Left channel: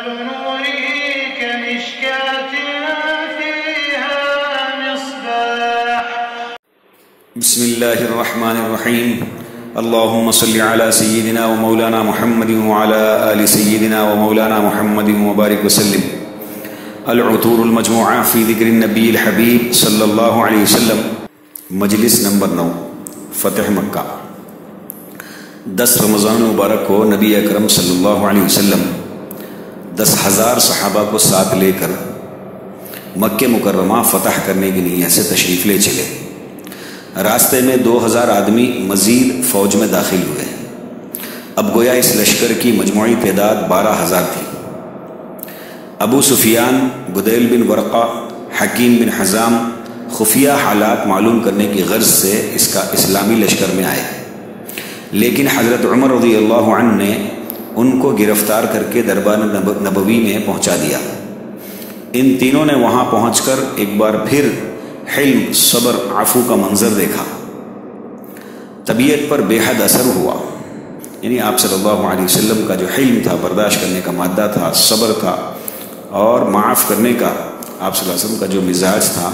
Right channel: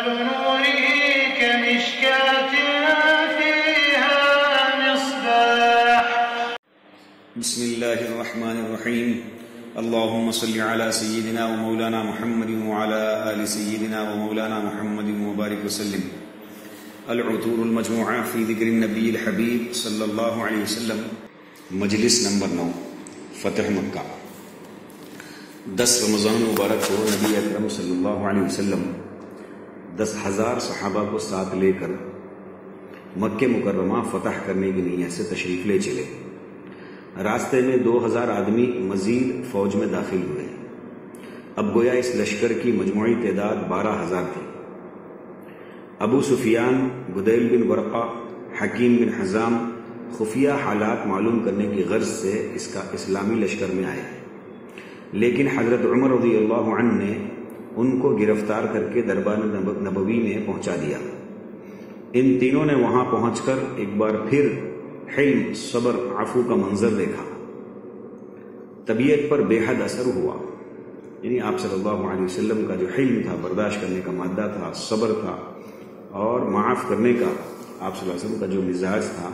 مثل نوره كمشكاة فيها مصباح. بسم الله الرحمن الرحيم. اللهم صل على سيدنا ومولانا محمد وعلى آل سيدنا ومولانا محمد وبارك وسلم. العطور المجموعہ فی ذکر النبی الحبیب صلی اللہ علیہ وسلم. مجلس نمبر 9 فتح مکہ. 10 رمضان مبارک ہو. نبی اکرم صلی اللہ علیہ وسلم 10,000 صحابہ کو ساتھ لے کر مکہ مکرمہ فتح کرنے کی نیت سے تشریف لے چلے. راستے میں 2,000 آدمی مزید فوج میں داخل ہوئے. اب گویا اس لشکر کی مجموعی تعداد 12,000 تھی. ابو سفیان، بدیل بن ورقہ، حکیم بن حزام خفیہ حالات معلوم کرنے کی غرض سے اس کا اسلامی لشکر میں آئے، لیکن حضرت عمر رضی اللہ عنہ نے ان کو گرفتار کر کے دربار نبوی میں پہنچا دیا. ان تینوں نے وہاں پہنچ کر ایک بار پھر حلم، صبر، عفو کا منظر دیکھا. طبیعت پر بے حد اثر ہوا. یعنی آپ صلی اللہ علیہ وسلم کا جو حلم تھا، برداشت کرنے کا مادہ تھا، صبر تھا اور معاف کرنے کا آپ صلی اللہ علیہ وسلم کا جو مزاج تھا،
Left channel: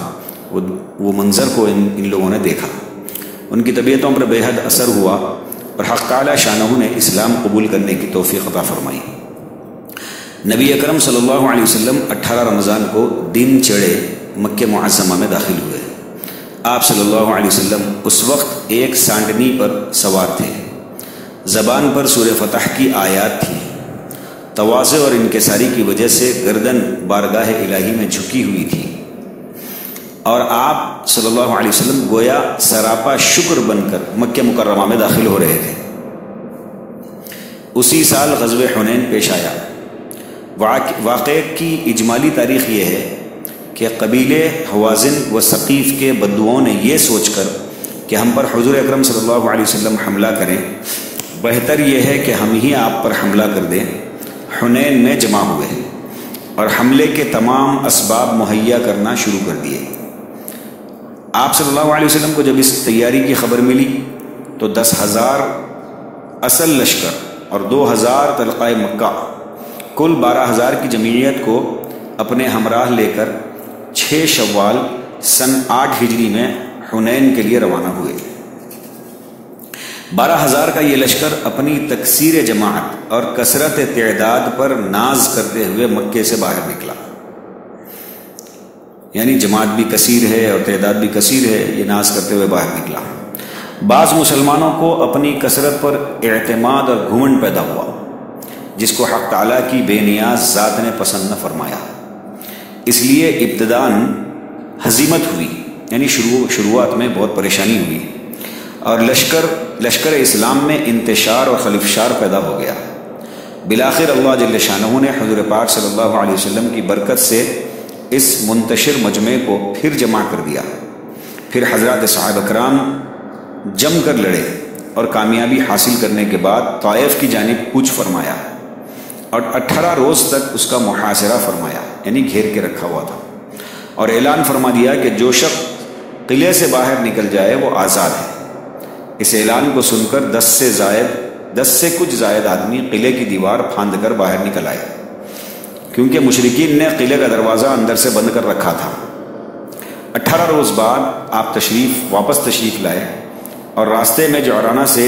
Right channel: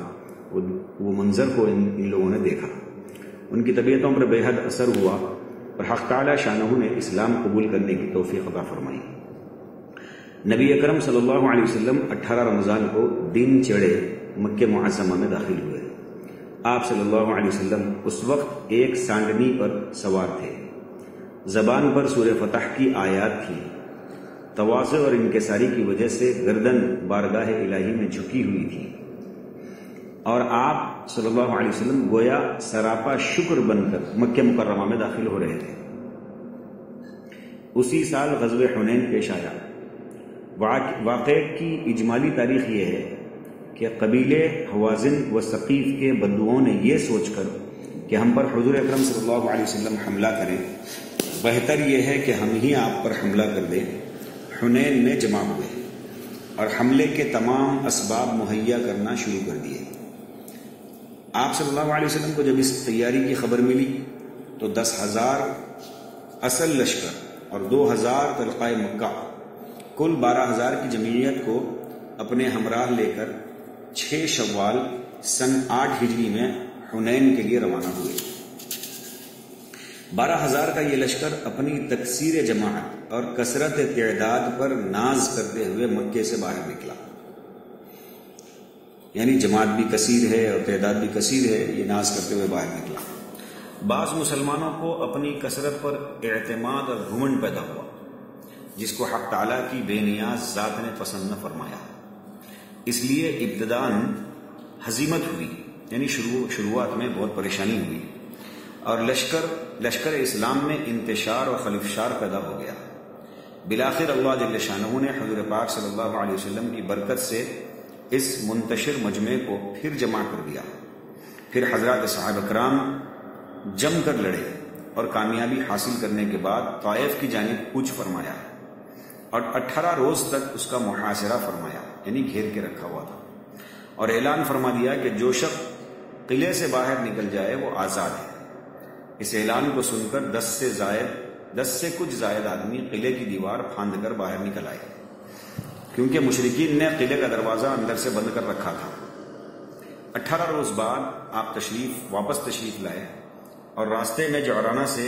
وہ منظر کو ان لوگوں نے دیکھا. ان کی طبیعتوں پر بے حد اثر ہوا اور حق تعالی شانہ نے اسلام قبول کرنے کی توفیق عطا فرمائی. نبی اکرم صلی اللہ علیہ وسلم 18 رمضان کو دن چڑھے مکہ معظمہ میں داخل ہوئے. آپ صلی اللہ علیہ وسلم اس وقت ایک سانڈنی پر سوار تھے. زبان پر سورہ فتح کی آیات تھی. تواضع اور انکساری کی وجہ سے گردن بارگاہ الہی میں جھکی ہوئی تھی اور آپ صلی اللہ علیہ وسلم گویا سراپا شکر بن کر مکہ مکرمہ میں داخل ہو رہے تھے. اسی سال غزوہ حنین پیش آیا. واقعے کی اجمالی تاریخ یہ ہے کہ قبیلے حوازن و ثقیف کے بدوؤں نے یہ سوچ کر کہ ہم پر حضور اکرم صلی اللہ علیہ وسلم حملہ کریں، بہتر یہ ہے کہ ہم ہی آپ پر حملہ کر دیں، حنین میں جمع ہوئے اور حملے کے تمام اسباب مہیا کرنا شروع کر دیے. آپ صلی اللہ علیہ وسلم کو جب اس تیاری کی خبر ملی تو 10,000 اصل لشکر اور 2,000 طلقۂ مکہ، کل 12,000 کی جمعیت کو اپنے ہمراہ لے کر 6 شوال سن 8 ہجری میں حنین کے لیے روانہ ہوئے. 12,000 کا یہ لشکر اپنی تکثیر جماعت اور کثرت تعداد پر ناز کرتے ہوئے مکے سے باہر نکلا. یعنی جماعت بھی کثیر ہے اور تعداد بھی کثیر ہے، یہ ناز کرتے ہوئے باہر نکلا. بعض مسلمانوں کو اپنی کثرت پر اعتماد اور گھمنڈ پیدا ہوا، جس کو حق تعالیٰ کی بے نیاز ذات نے پسند نہ فرمایا. اس لیے ابتداً ہزیمت ہوئی، یعنی شروعات میں بہت پریشانی ہوئی اور لشکر اسلام میں انتشار اور خلفشار پیدا ہو گیا. بالآخر اللہ جل شانہ نے حضور پاک صلی اللہ علیہ وسلم کی برکت سے اس منتشر مجمع کو پھر جمع کر دیا. پھر حضرات صحابہ کرام جم کر لڑے اور کامیابی حاصل کرنے کے بعد طائف کی جانب کوچ فرمایا اور 18 روز تک اس کا محاصرہ فرمایا، یعنی گھیر کے رکھا ہوا تھا، اور اعلان فرما دیا کہ جو شخص قلعے سے باہر نکل جائے وہ آزاد ہے. اس اعلان کو سن کر 10 سے کچھ زائد آدمی قلعے کی دیوار پھاند کر باہر نکل آئے، کیونکہ مشرکین نے قلعے کا دروازہ اندر سے بند کر رکھا تھا. 18 روز بعد آپ واپس تشریف لائے اور راستے میں جعرانہ سے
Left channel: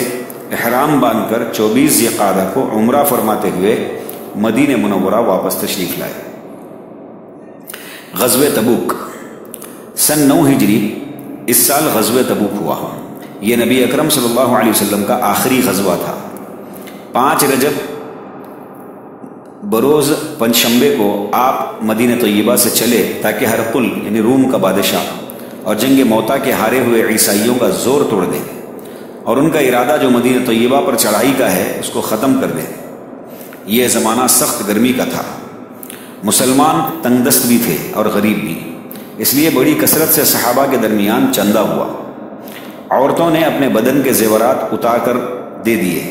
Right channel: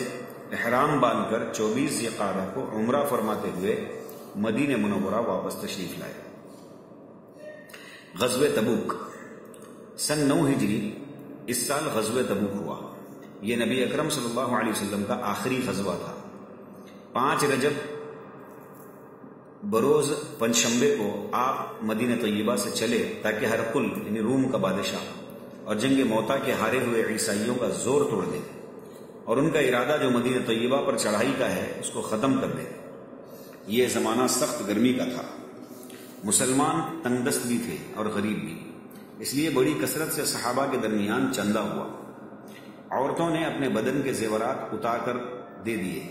احرام باندھ کر 24 ذی-القعدہ کو عمرہ فرماتے ہوئے مدینہ منورہ واپس تشریف لائے. غزوہ تبوک سن 9 ہجری اس سال غزوہ تبوک ہوا. یہ نبی اکرم صلی اللہ علیہ وسلم کا آخری غزوہ تھا. 5 رجب بروز پنجشنبے کو آپ مدینہ طیبہ سے چلے تاکہ ہرقل یعنی روم کا بادشاہ اور جنگ موتا کے ہارے ہوئے عیسائیوں کا زور توڑ دیں اور ان کا ارادہ جو مدینہ طیبہ پر چڑھائی کا ہے اس کو ختم کر دیں. یہ زمانہ سخت گرمی کا تھا. مسلمان تنگ دست بھی تھے اور غریب بھی، اس لیے بڑی کثرت سے صحابہ کے درمیان چندہ ہوا. عورتوں نے اپنے بدن کے زیورات اتار کر دے دیے.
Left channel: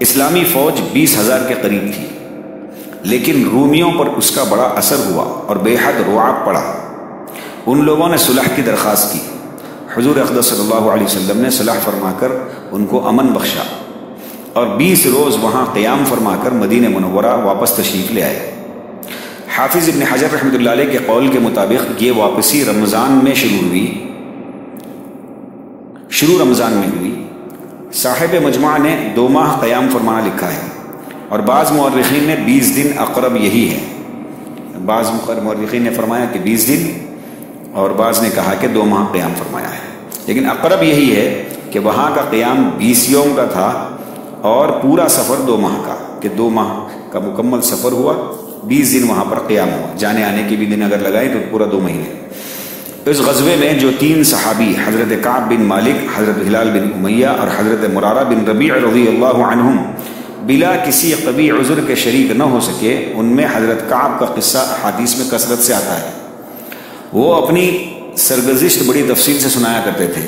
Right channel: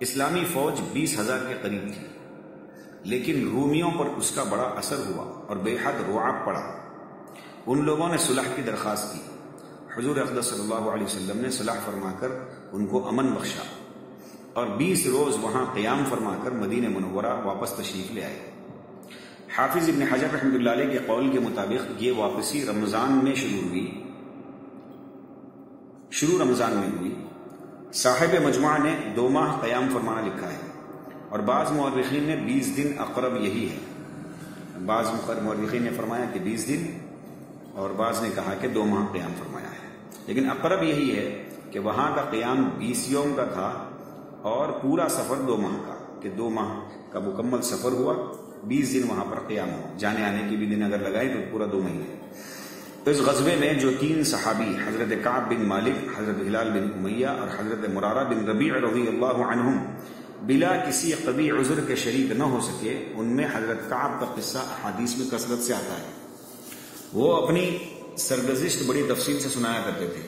اسلامی فوج 20,000 کے قریب تھی، لیکن رومیوں پر اس کا بڑا اثر ہوا اور بے حد رعب پڑا. ان لوگوں نے صلح کی درخواست کی. حضور اقدس صلی اللہ علیہ وسلم نے صلح فرما کر ان کو امن بخشا اور 20 روز وہاں قیام فرما کر مدینہ منورہ واپس تشریف لے آئے. حافظ ابن حجر رحمۃ اللہ علیہ کے قول کے مطابق یہ واپسی رمضان میں شروع رمضان میں ہوئی۔ صاحب مجموعہ نے 2 ماہ قیام فرمانا لکھا ہے، اور بعض مورخین نے 20 دن اقرب یہی ہے۔ بعض مورخین نے فرمایا کہ 20 دن، اور بعض نے کہا کہ 2 ماہ قیام فرمایا ہے، لیکن اقرب یہی ہے کہ وہاں کا قیام 20 یوم کا تھا اور پورا سفر 2 ماہ کا، کہ 2 ماہ کا مکمل سفر ہوا، 20 دن وہاں پر قیام ہوا، جانے آنے کے بھی دن اگر لگائیں تو پورا 2 مہینے۔ اس غزوے میں جو 3 صحابی حضرت کعب بن مالک، حضرت ہلال بن امیہ اور حضرت مرارہ بن ربیع رضی اللہ عنہم بلا کسی قوی عذر کے شریک نہ ہو سکے، ان میں حضرت کعب کا قصہ حدیث میں کثرت سے آتا ہے۔ وہ اپنی سرگزشت بڑی تفصیل سے سنایا کرتے تھے۔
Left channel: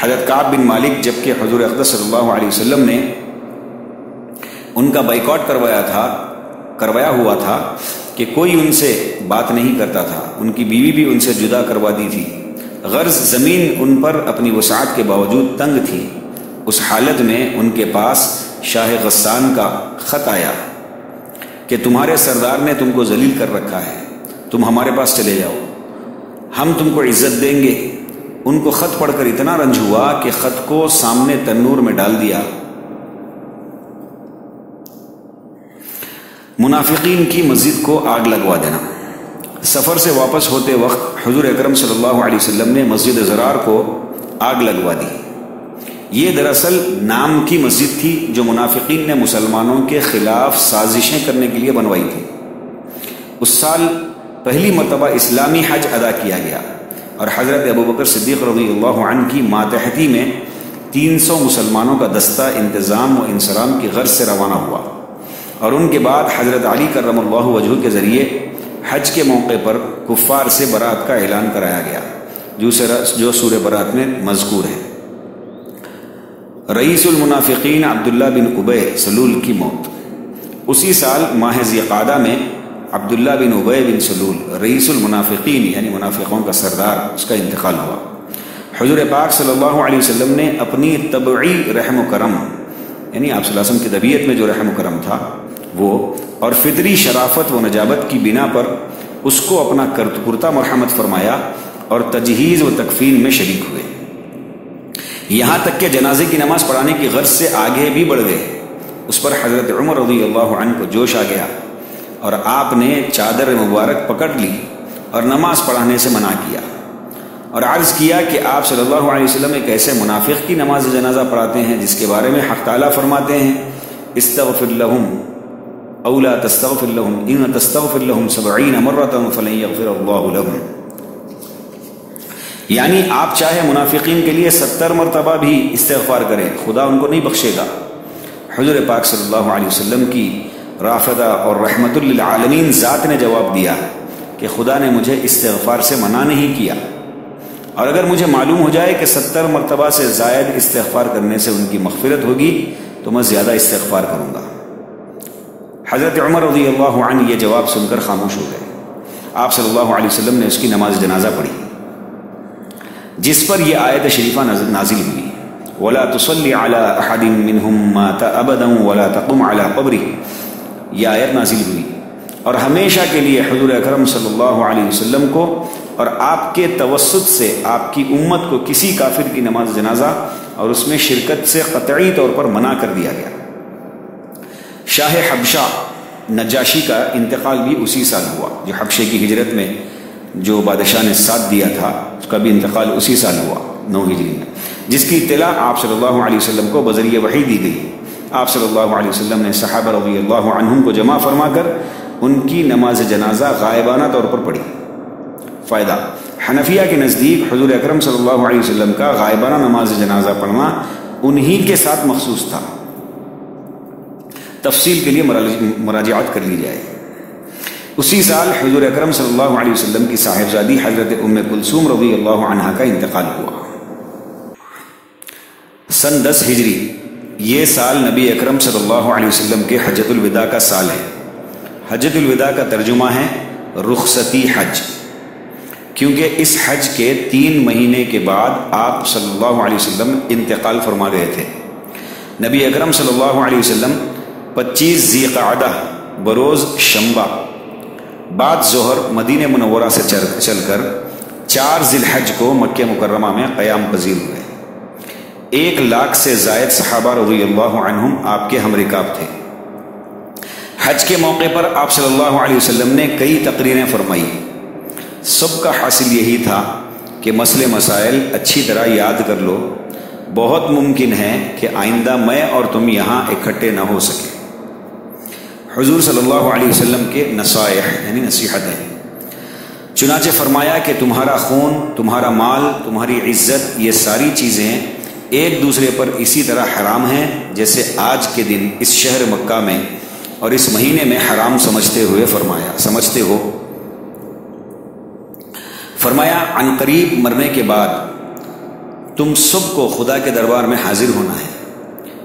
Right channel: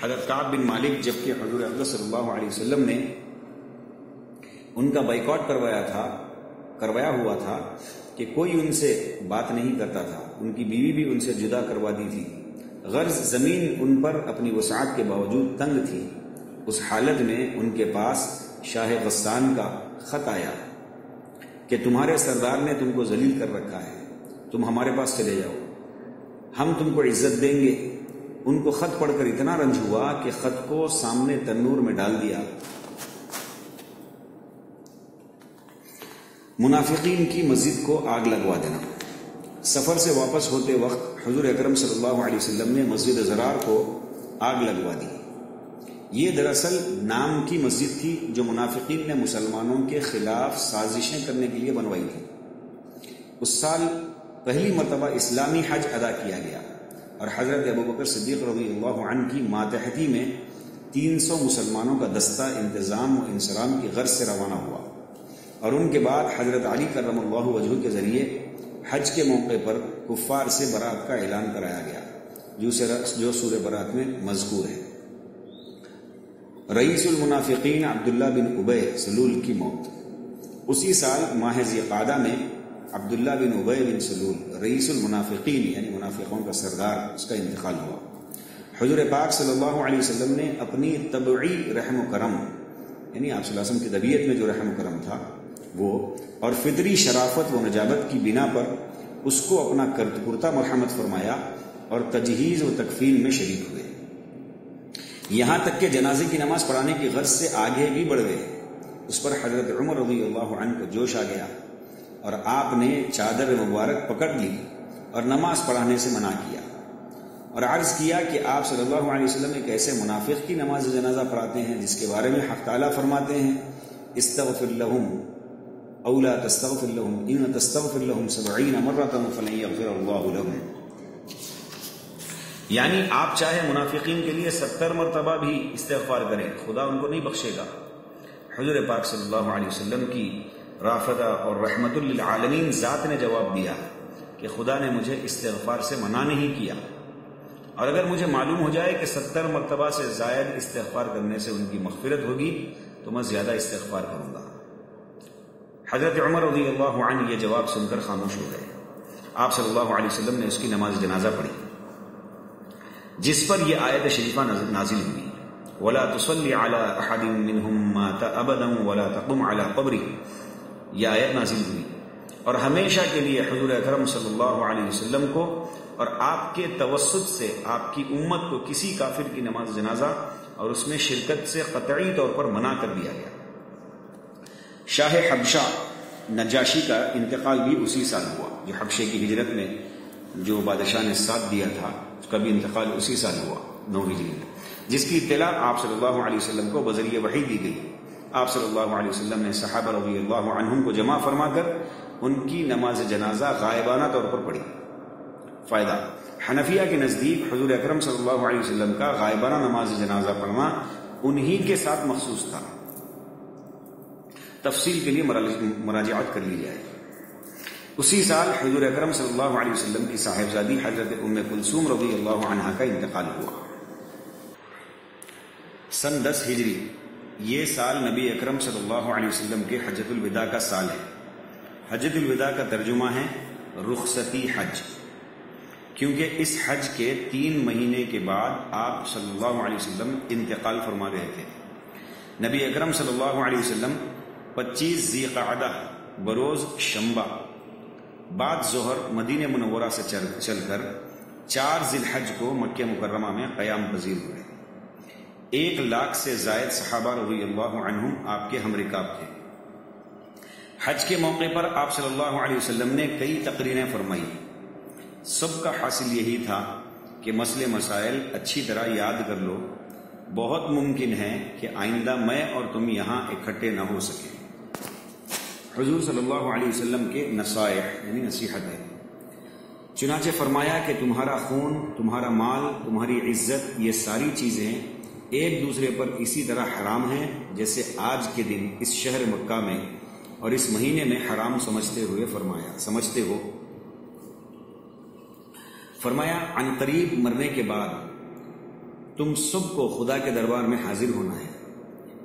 حضرت کعب بن مالک جبکہ حضور اقدس صلی اللہ علیہ وسلم نے ان کا بائیکاٹ کروایا ہوا تھا کہ کوئی ان سے بات نہیں کرتا تھا، ان کی بیوی بھی ان سے جدا کروا دی تھی، غرض زمین ان پر اپنی وسعت کے باوجود تنگ تھی۔ اس حالت میں ان کے پاس شاہ غسان کا خط آیا کہ تمہارے سردار نے تم کو ذلیل کر رکھا ہے، تم ہمارے پاس چلے جاؤ، ہم تم کو عزت دیں گے۔ ان کو خط پڑھ کر اتنا رنج ہوا کہ خط کو سامنے تنور میں ڈال دیا۔ منافقین کی مسجد کو آگ لگوا دینا۔ سفر سے واپس ہوتے وقت حضور اکرم صلی اللہ علیہ وسلم نے مسجد زرار کو آگ لگوا دی۔ یہ دراصل نام کی مسجد تھی جو منافقین نے مسلمانوں کے خلاف سازشیں کرنے کے لیے بنوائی تھی۔ اس سال پہلی مرتبہ اسلامی حج ادا کیا گیا، اور حضرت ابوبکر صدیق رضی اللہ عنہ کی ماتحتی میں 300 مسلمانوں کا دستہ انتظام و انصرام کی غرض سے روانہ ہوا، اور ان کے بعد حضرت علی کرم اللہ وجہہ کے ذریعے حج کے موقع پر کفار سے برات کا اعلان کرایا گیا، جو سورہ برات میں مذکور ہے۔ رئیس المنافقین عبداللہ بن ابی سلول کی موت۔ اسی سال ماہ ذی قعدہ میں عبداللہ بن ابی بن سلول رئیس المنافقین یعنی منافقوں کا سردار، اس کا انتقال ہوا۔ حضور پاک صلی اللہ علیہ وسلم نے اپنی طبعی رحم و کرم، یعنی آپ صلی اللہ علیہ وسلم کی طبیعت میں جو رحم و کرم تھا وہ، اور فطری شرافت و نجابت کی بنا پر اس کو اپنا کرتہ مرحمت فرمایا اور تجہیز و تکفین میں شریک ہوئے، یہاں تک کہ جنازے کی نماز پڑھانے کی غرض سے آگے بھی بڑھ گئے۔ اس پر حضرت عمر رضی اللہ عنہ کو جوش آ گیا، اور آپ نے چادر مبارک پکڑ لی اور نماز پڑھانے سے منع کیا، اور عرض کیا کہ آپ صلی اللہ علیہ وسلم ایک ایسے منافق کی نماز جنازہ پڑھاتے ہیں جس کے بارے میں حق تعالیٰ فرماتے ہیں استغفر لهم او لا تستغفر لهم ان تستغفر لهم 70 مرة فلن يغفر الله لهم، یعنی آپ چاہے منافقین کے لیے 70 مرتبہ بھی استغفار کریں، خدا ان کو نہیں بخشے گا۔ حضور پاک صلی اللہ علیہ وسلم کی رافدہ اور رحمت للعالمین ذات نے جواب دیا کہ خدا نے مجھے استغفار سے منع نہیں کیا، اور اگر مجھے معلوم ہو جائے کہ 70 مرتبہ سے زائد استغفار کرنے سے ان کی مغفرت ہوگی تو میں زیادہ استغفار کروں گا۔ حضرت عمر رضی اللہ عنہ یہ جواب سن کر خاموش ہو گئے۔ آپ صلی اللہ علیہ وسلم نے اس کی نماز جنازہ پڑھی، جس پر یہ آیت شریفہ نازل ہوئی وَلَا تُصَلِّ عَلَىٰ أَحَدٍ مِّنْهُمْ مَاتَ أَبَدًا وَلَا تَقُمْ عَلَىٰ قَبْرِهِ، یہ آیت نازل ہوئی، اور ہمیشہ کے لیے حضور اکرم صلی اللہ علیہ وسلم کو اور آپ کے توسط سے آپ کی امت کو کسی کافر کی نماز جنازہ اور اس میں شرکت سے قطعی طور پر منع کر دیا گیا۔ شاہ حبشہ نجاشی کا انتقال بھی اسی سال ہوا، جو حبشے کی ہجرت میں جو بادشاہ نے ساتھ دیا تھا اس کا بھی انتقال اسی سال ہوا 9 ہجری میں، جس کی اطلاع آپ صلی اللہ علیہ وسلم کو بذریعہ وحی دی گئی۔ آپ صلی اللہ علیہ وسلم نے صحابہ رضی اللہ عنہم کو جمع فرما کر ان کی نماز جنازہ غائبانہ طور پر پڑھی۔ فائدہ: حنفیہ کے نزدیک حضور اکرم صلی اللہ علیہ وسلم کا غائبانہ نماز جنازہ پڑھنا انہی کے ساتھ مخصوص تھا۔ تفصیل کے لیے مراجعات کر لی جائے۔ اسی سال حضور اکرم صلی اللہ علیہ وسلم کی صاحبزادی حضرت ام کلثوم رضی اللہ عنہا کا انتقال ہوا۔ سن 10 ہجری، یہ سال نبی اکرم صلی اللہ علیہ وسلم کے حجۃ الوداع کا سال ہے۔ حجۃ الوداع کا ترجمہ ہے رخصتی حج، کیونکہ اس حج کے 3 مہینے کے بعد آپ صلی اللہ علیہ وسلم انتقال فرما گئے تھے۔ نبی اکرم صلی اللہ علیہ وسلم 25 ذی قعدہ بروز شنبہ بعد ظہر مدینہ منورہ سے چل کر 4 ذی الحج کو مکہ مکرمہ میں قیام پذیر ہوئے۔ 1 لاکھ سے زائد صحابہ رضی اللہ عنہم آپ کے ہم رکاب تھے۔ حج کے موقع پر آپ صلی اللہ علیہ وسلم نے کئی تقریریں فرمائی۔ سب کا حاصل یہی تھا کہ مسئلے مسائل اچھی طرح یاد کر لو، بہت ممکن ہے کہ آئندہ میں اور تم یہاں اکٹھے نہ ہو سکے۔ حضور صلی اللہ علیہ وسلم کے نصائح یعنی نصیحتیں، چنانچہ فرمایا کہ تمہارا خون، تمہارا مال، تمہاری عزت، یہ ساری چیزیں ایک دوسرے پر اسی طرح حرام ہیں جیسے آج کے دن اس شہر مکہ میں اور اس مہینے میں حرام سمجھتے ہو۔ فرمایا عن قریب مرنے کے بعد تم سب کو خدا کے دربار میں حاضر ہونا ہے،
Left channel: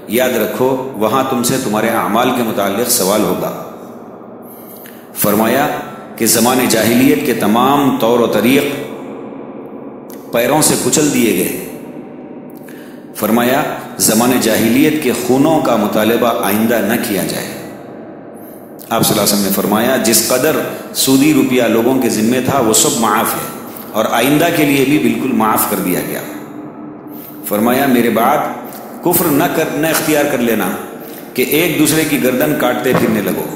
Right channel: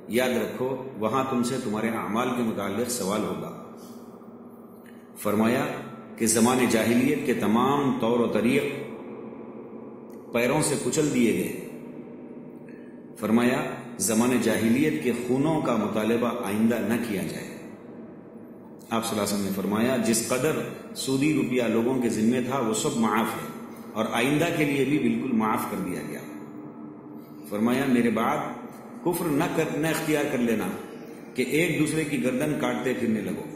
یاد رکھو وہاں تم سے تمہارے اعمال کے متعلق سوال ہوگا۔ فرمایا کہ زمان جاہلیت کے تمام طور و طریق پیروں سے کچل دیے گئے۔ فرمایا زمان جاہلیت کے خونوں کا مطالبہ آئندہ نہ کیا جائے۔ آپ صلی اللہ علیہ وسلم نے فرمایا جس قدر سودی روپیہ لوگوں کے ذمے تھا وہ سب معاف ہے اور آئندہ کے لیے بھی بالکل معاف کر دیا گیا۔ فرمایا میرے بعد کفر نہ اختیار کر لینا کہ ایک دوسرے کی گردن کاٹتے پھرنے لگو۔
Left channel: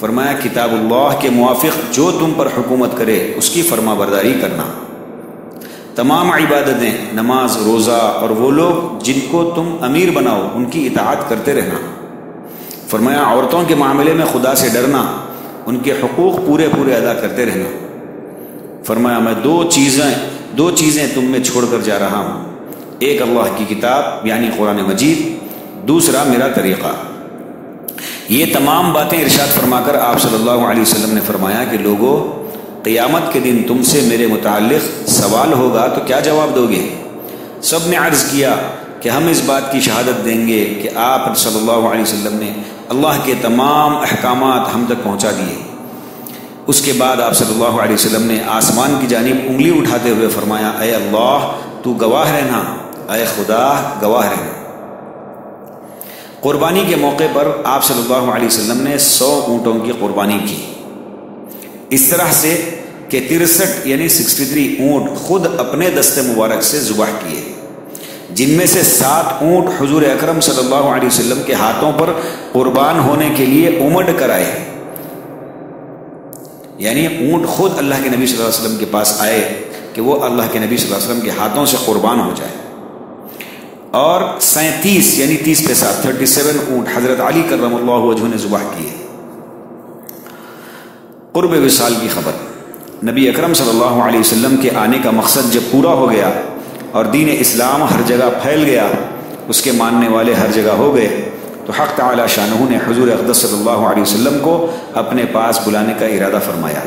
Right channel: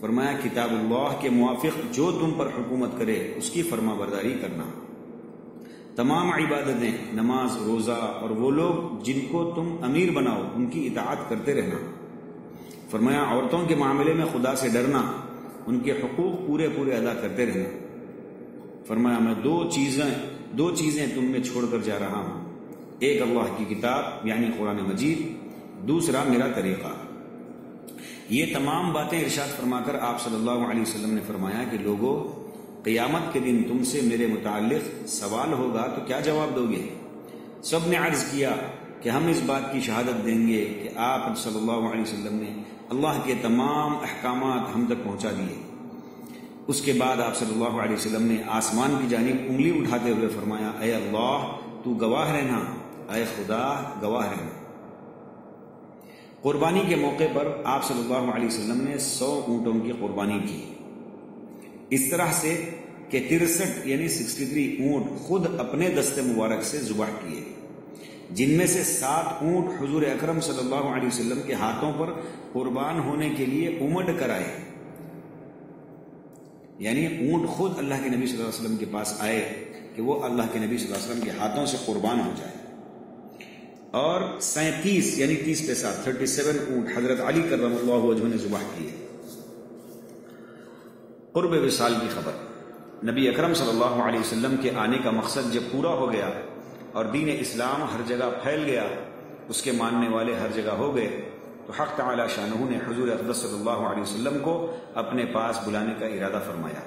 فرمایا کتاب اللہ کے موافق جو تم پر حکومت کرے اس کی فرما برداری کرنا۔ تمام عبادتیں، نماز، روزہ اور وہ لوگ جن کو تم امیر بناؤ ان کی اطاعت کرتے رہنا۔ فرمایا عورتوں کے معاملے میں خدا سے ڈرنا، ان کے حقوق پورے ادا کرتے رہنا۔ فرمایا میں دو چیزیں تم میں چھوڑ کر جا رہا ہوں، ایک اللہ کی کتاب یعنی قرآن مجید، دوسرا میرا طریقہ۔ یہ تمام باتیں ارشاد فرما کر آپ صلی اللہ علیہ وسلم نے فرمایا کہ لوگو قیامت کے دن تم سے میرے متعلق سوال ہوگا تو کیا جواب دو گے؟ سب نے عرض کیا کہ ہم اس بات کی شہادت دیں گے کہ آپ صلی اللہ علیہ وسلم نے اللہ کے تمام احکامات ہم تک پہنچا دیے۔ اس کے بعد آپ صلی اللہ علیہ وسلم نے آسمان کی جانب انگلی اٹھاتے ہوئے فرمایا اے اللہ تو گواہ رہنا، اے خدا گواہ رہنا۔ قربانی کے موقع پر آپ صلی اللہ علیہ وسلم نے 100 اونٹوں کی قربانی کی، اس طرح سے کہ 63 یعنی 63 اونٹ خود اپنے دست مبارک سے ذبح کیے، جن میں سے 7 اونٹ حضور اکرم صلی اللہ علیہ وسلم کے ہاتھوں پر قربان ہونے کے لیے امڈ کر آئے، یعنی اونٹ خود اللہ کے نبی صلی اللہ علیہ وسلم کے پاس آئے کہ وہ اللہ کے نبی صلی اللہ علیہ وسلم کے ہاتھوں سے قربان ہو جائے۔ اور 37 یعنی 30 کے ساتھ 37 اونٹ حضرت علی کرم اللہ وجہہ نے ذبح کیے۔ قرب وصال کی خبر، نبی اکرم صلی اللہ علیہ وسلم کے آنے کا مقصد جب پورا ہو گیا اور دین اسلام ہر جگہ پھیل گیا، اس کے ماننے والے ہر جگہ ہو گئے، تو حق تعالی شانہ نے حضور اقدس صلی اللہ علیہ وسلم کو اپنے پاس بلانے کا ارادہ فرمایا۔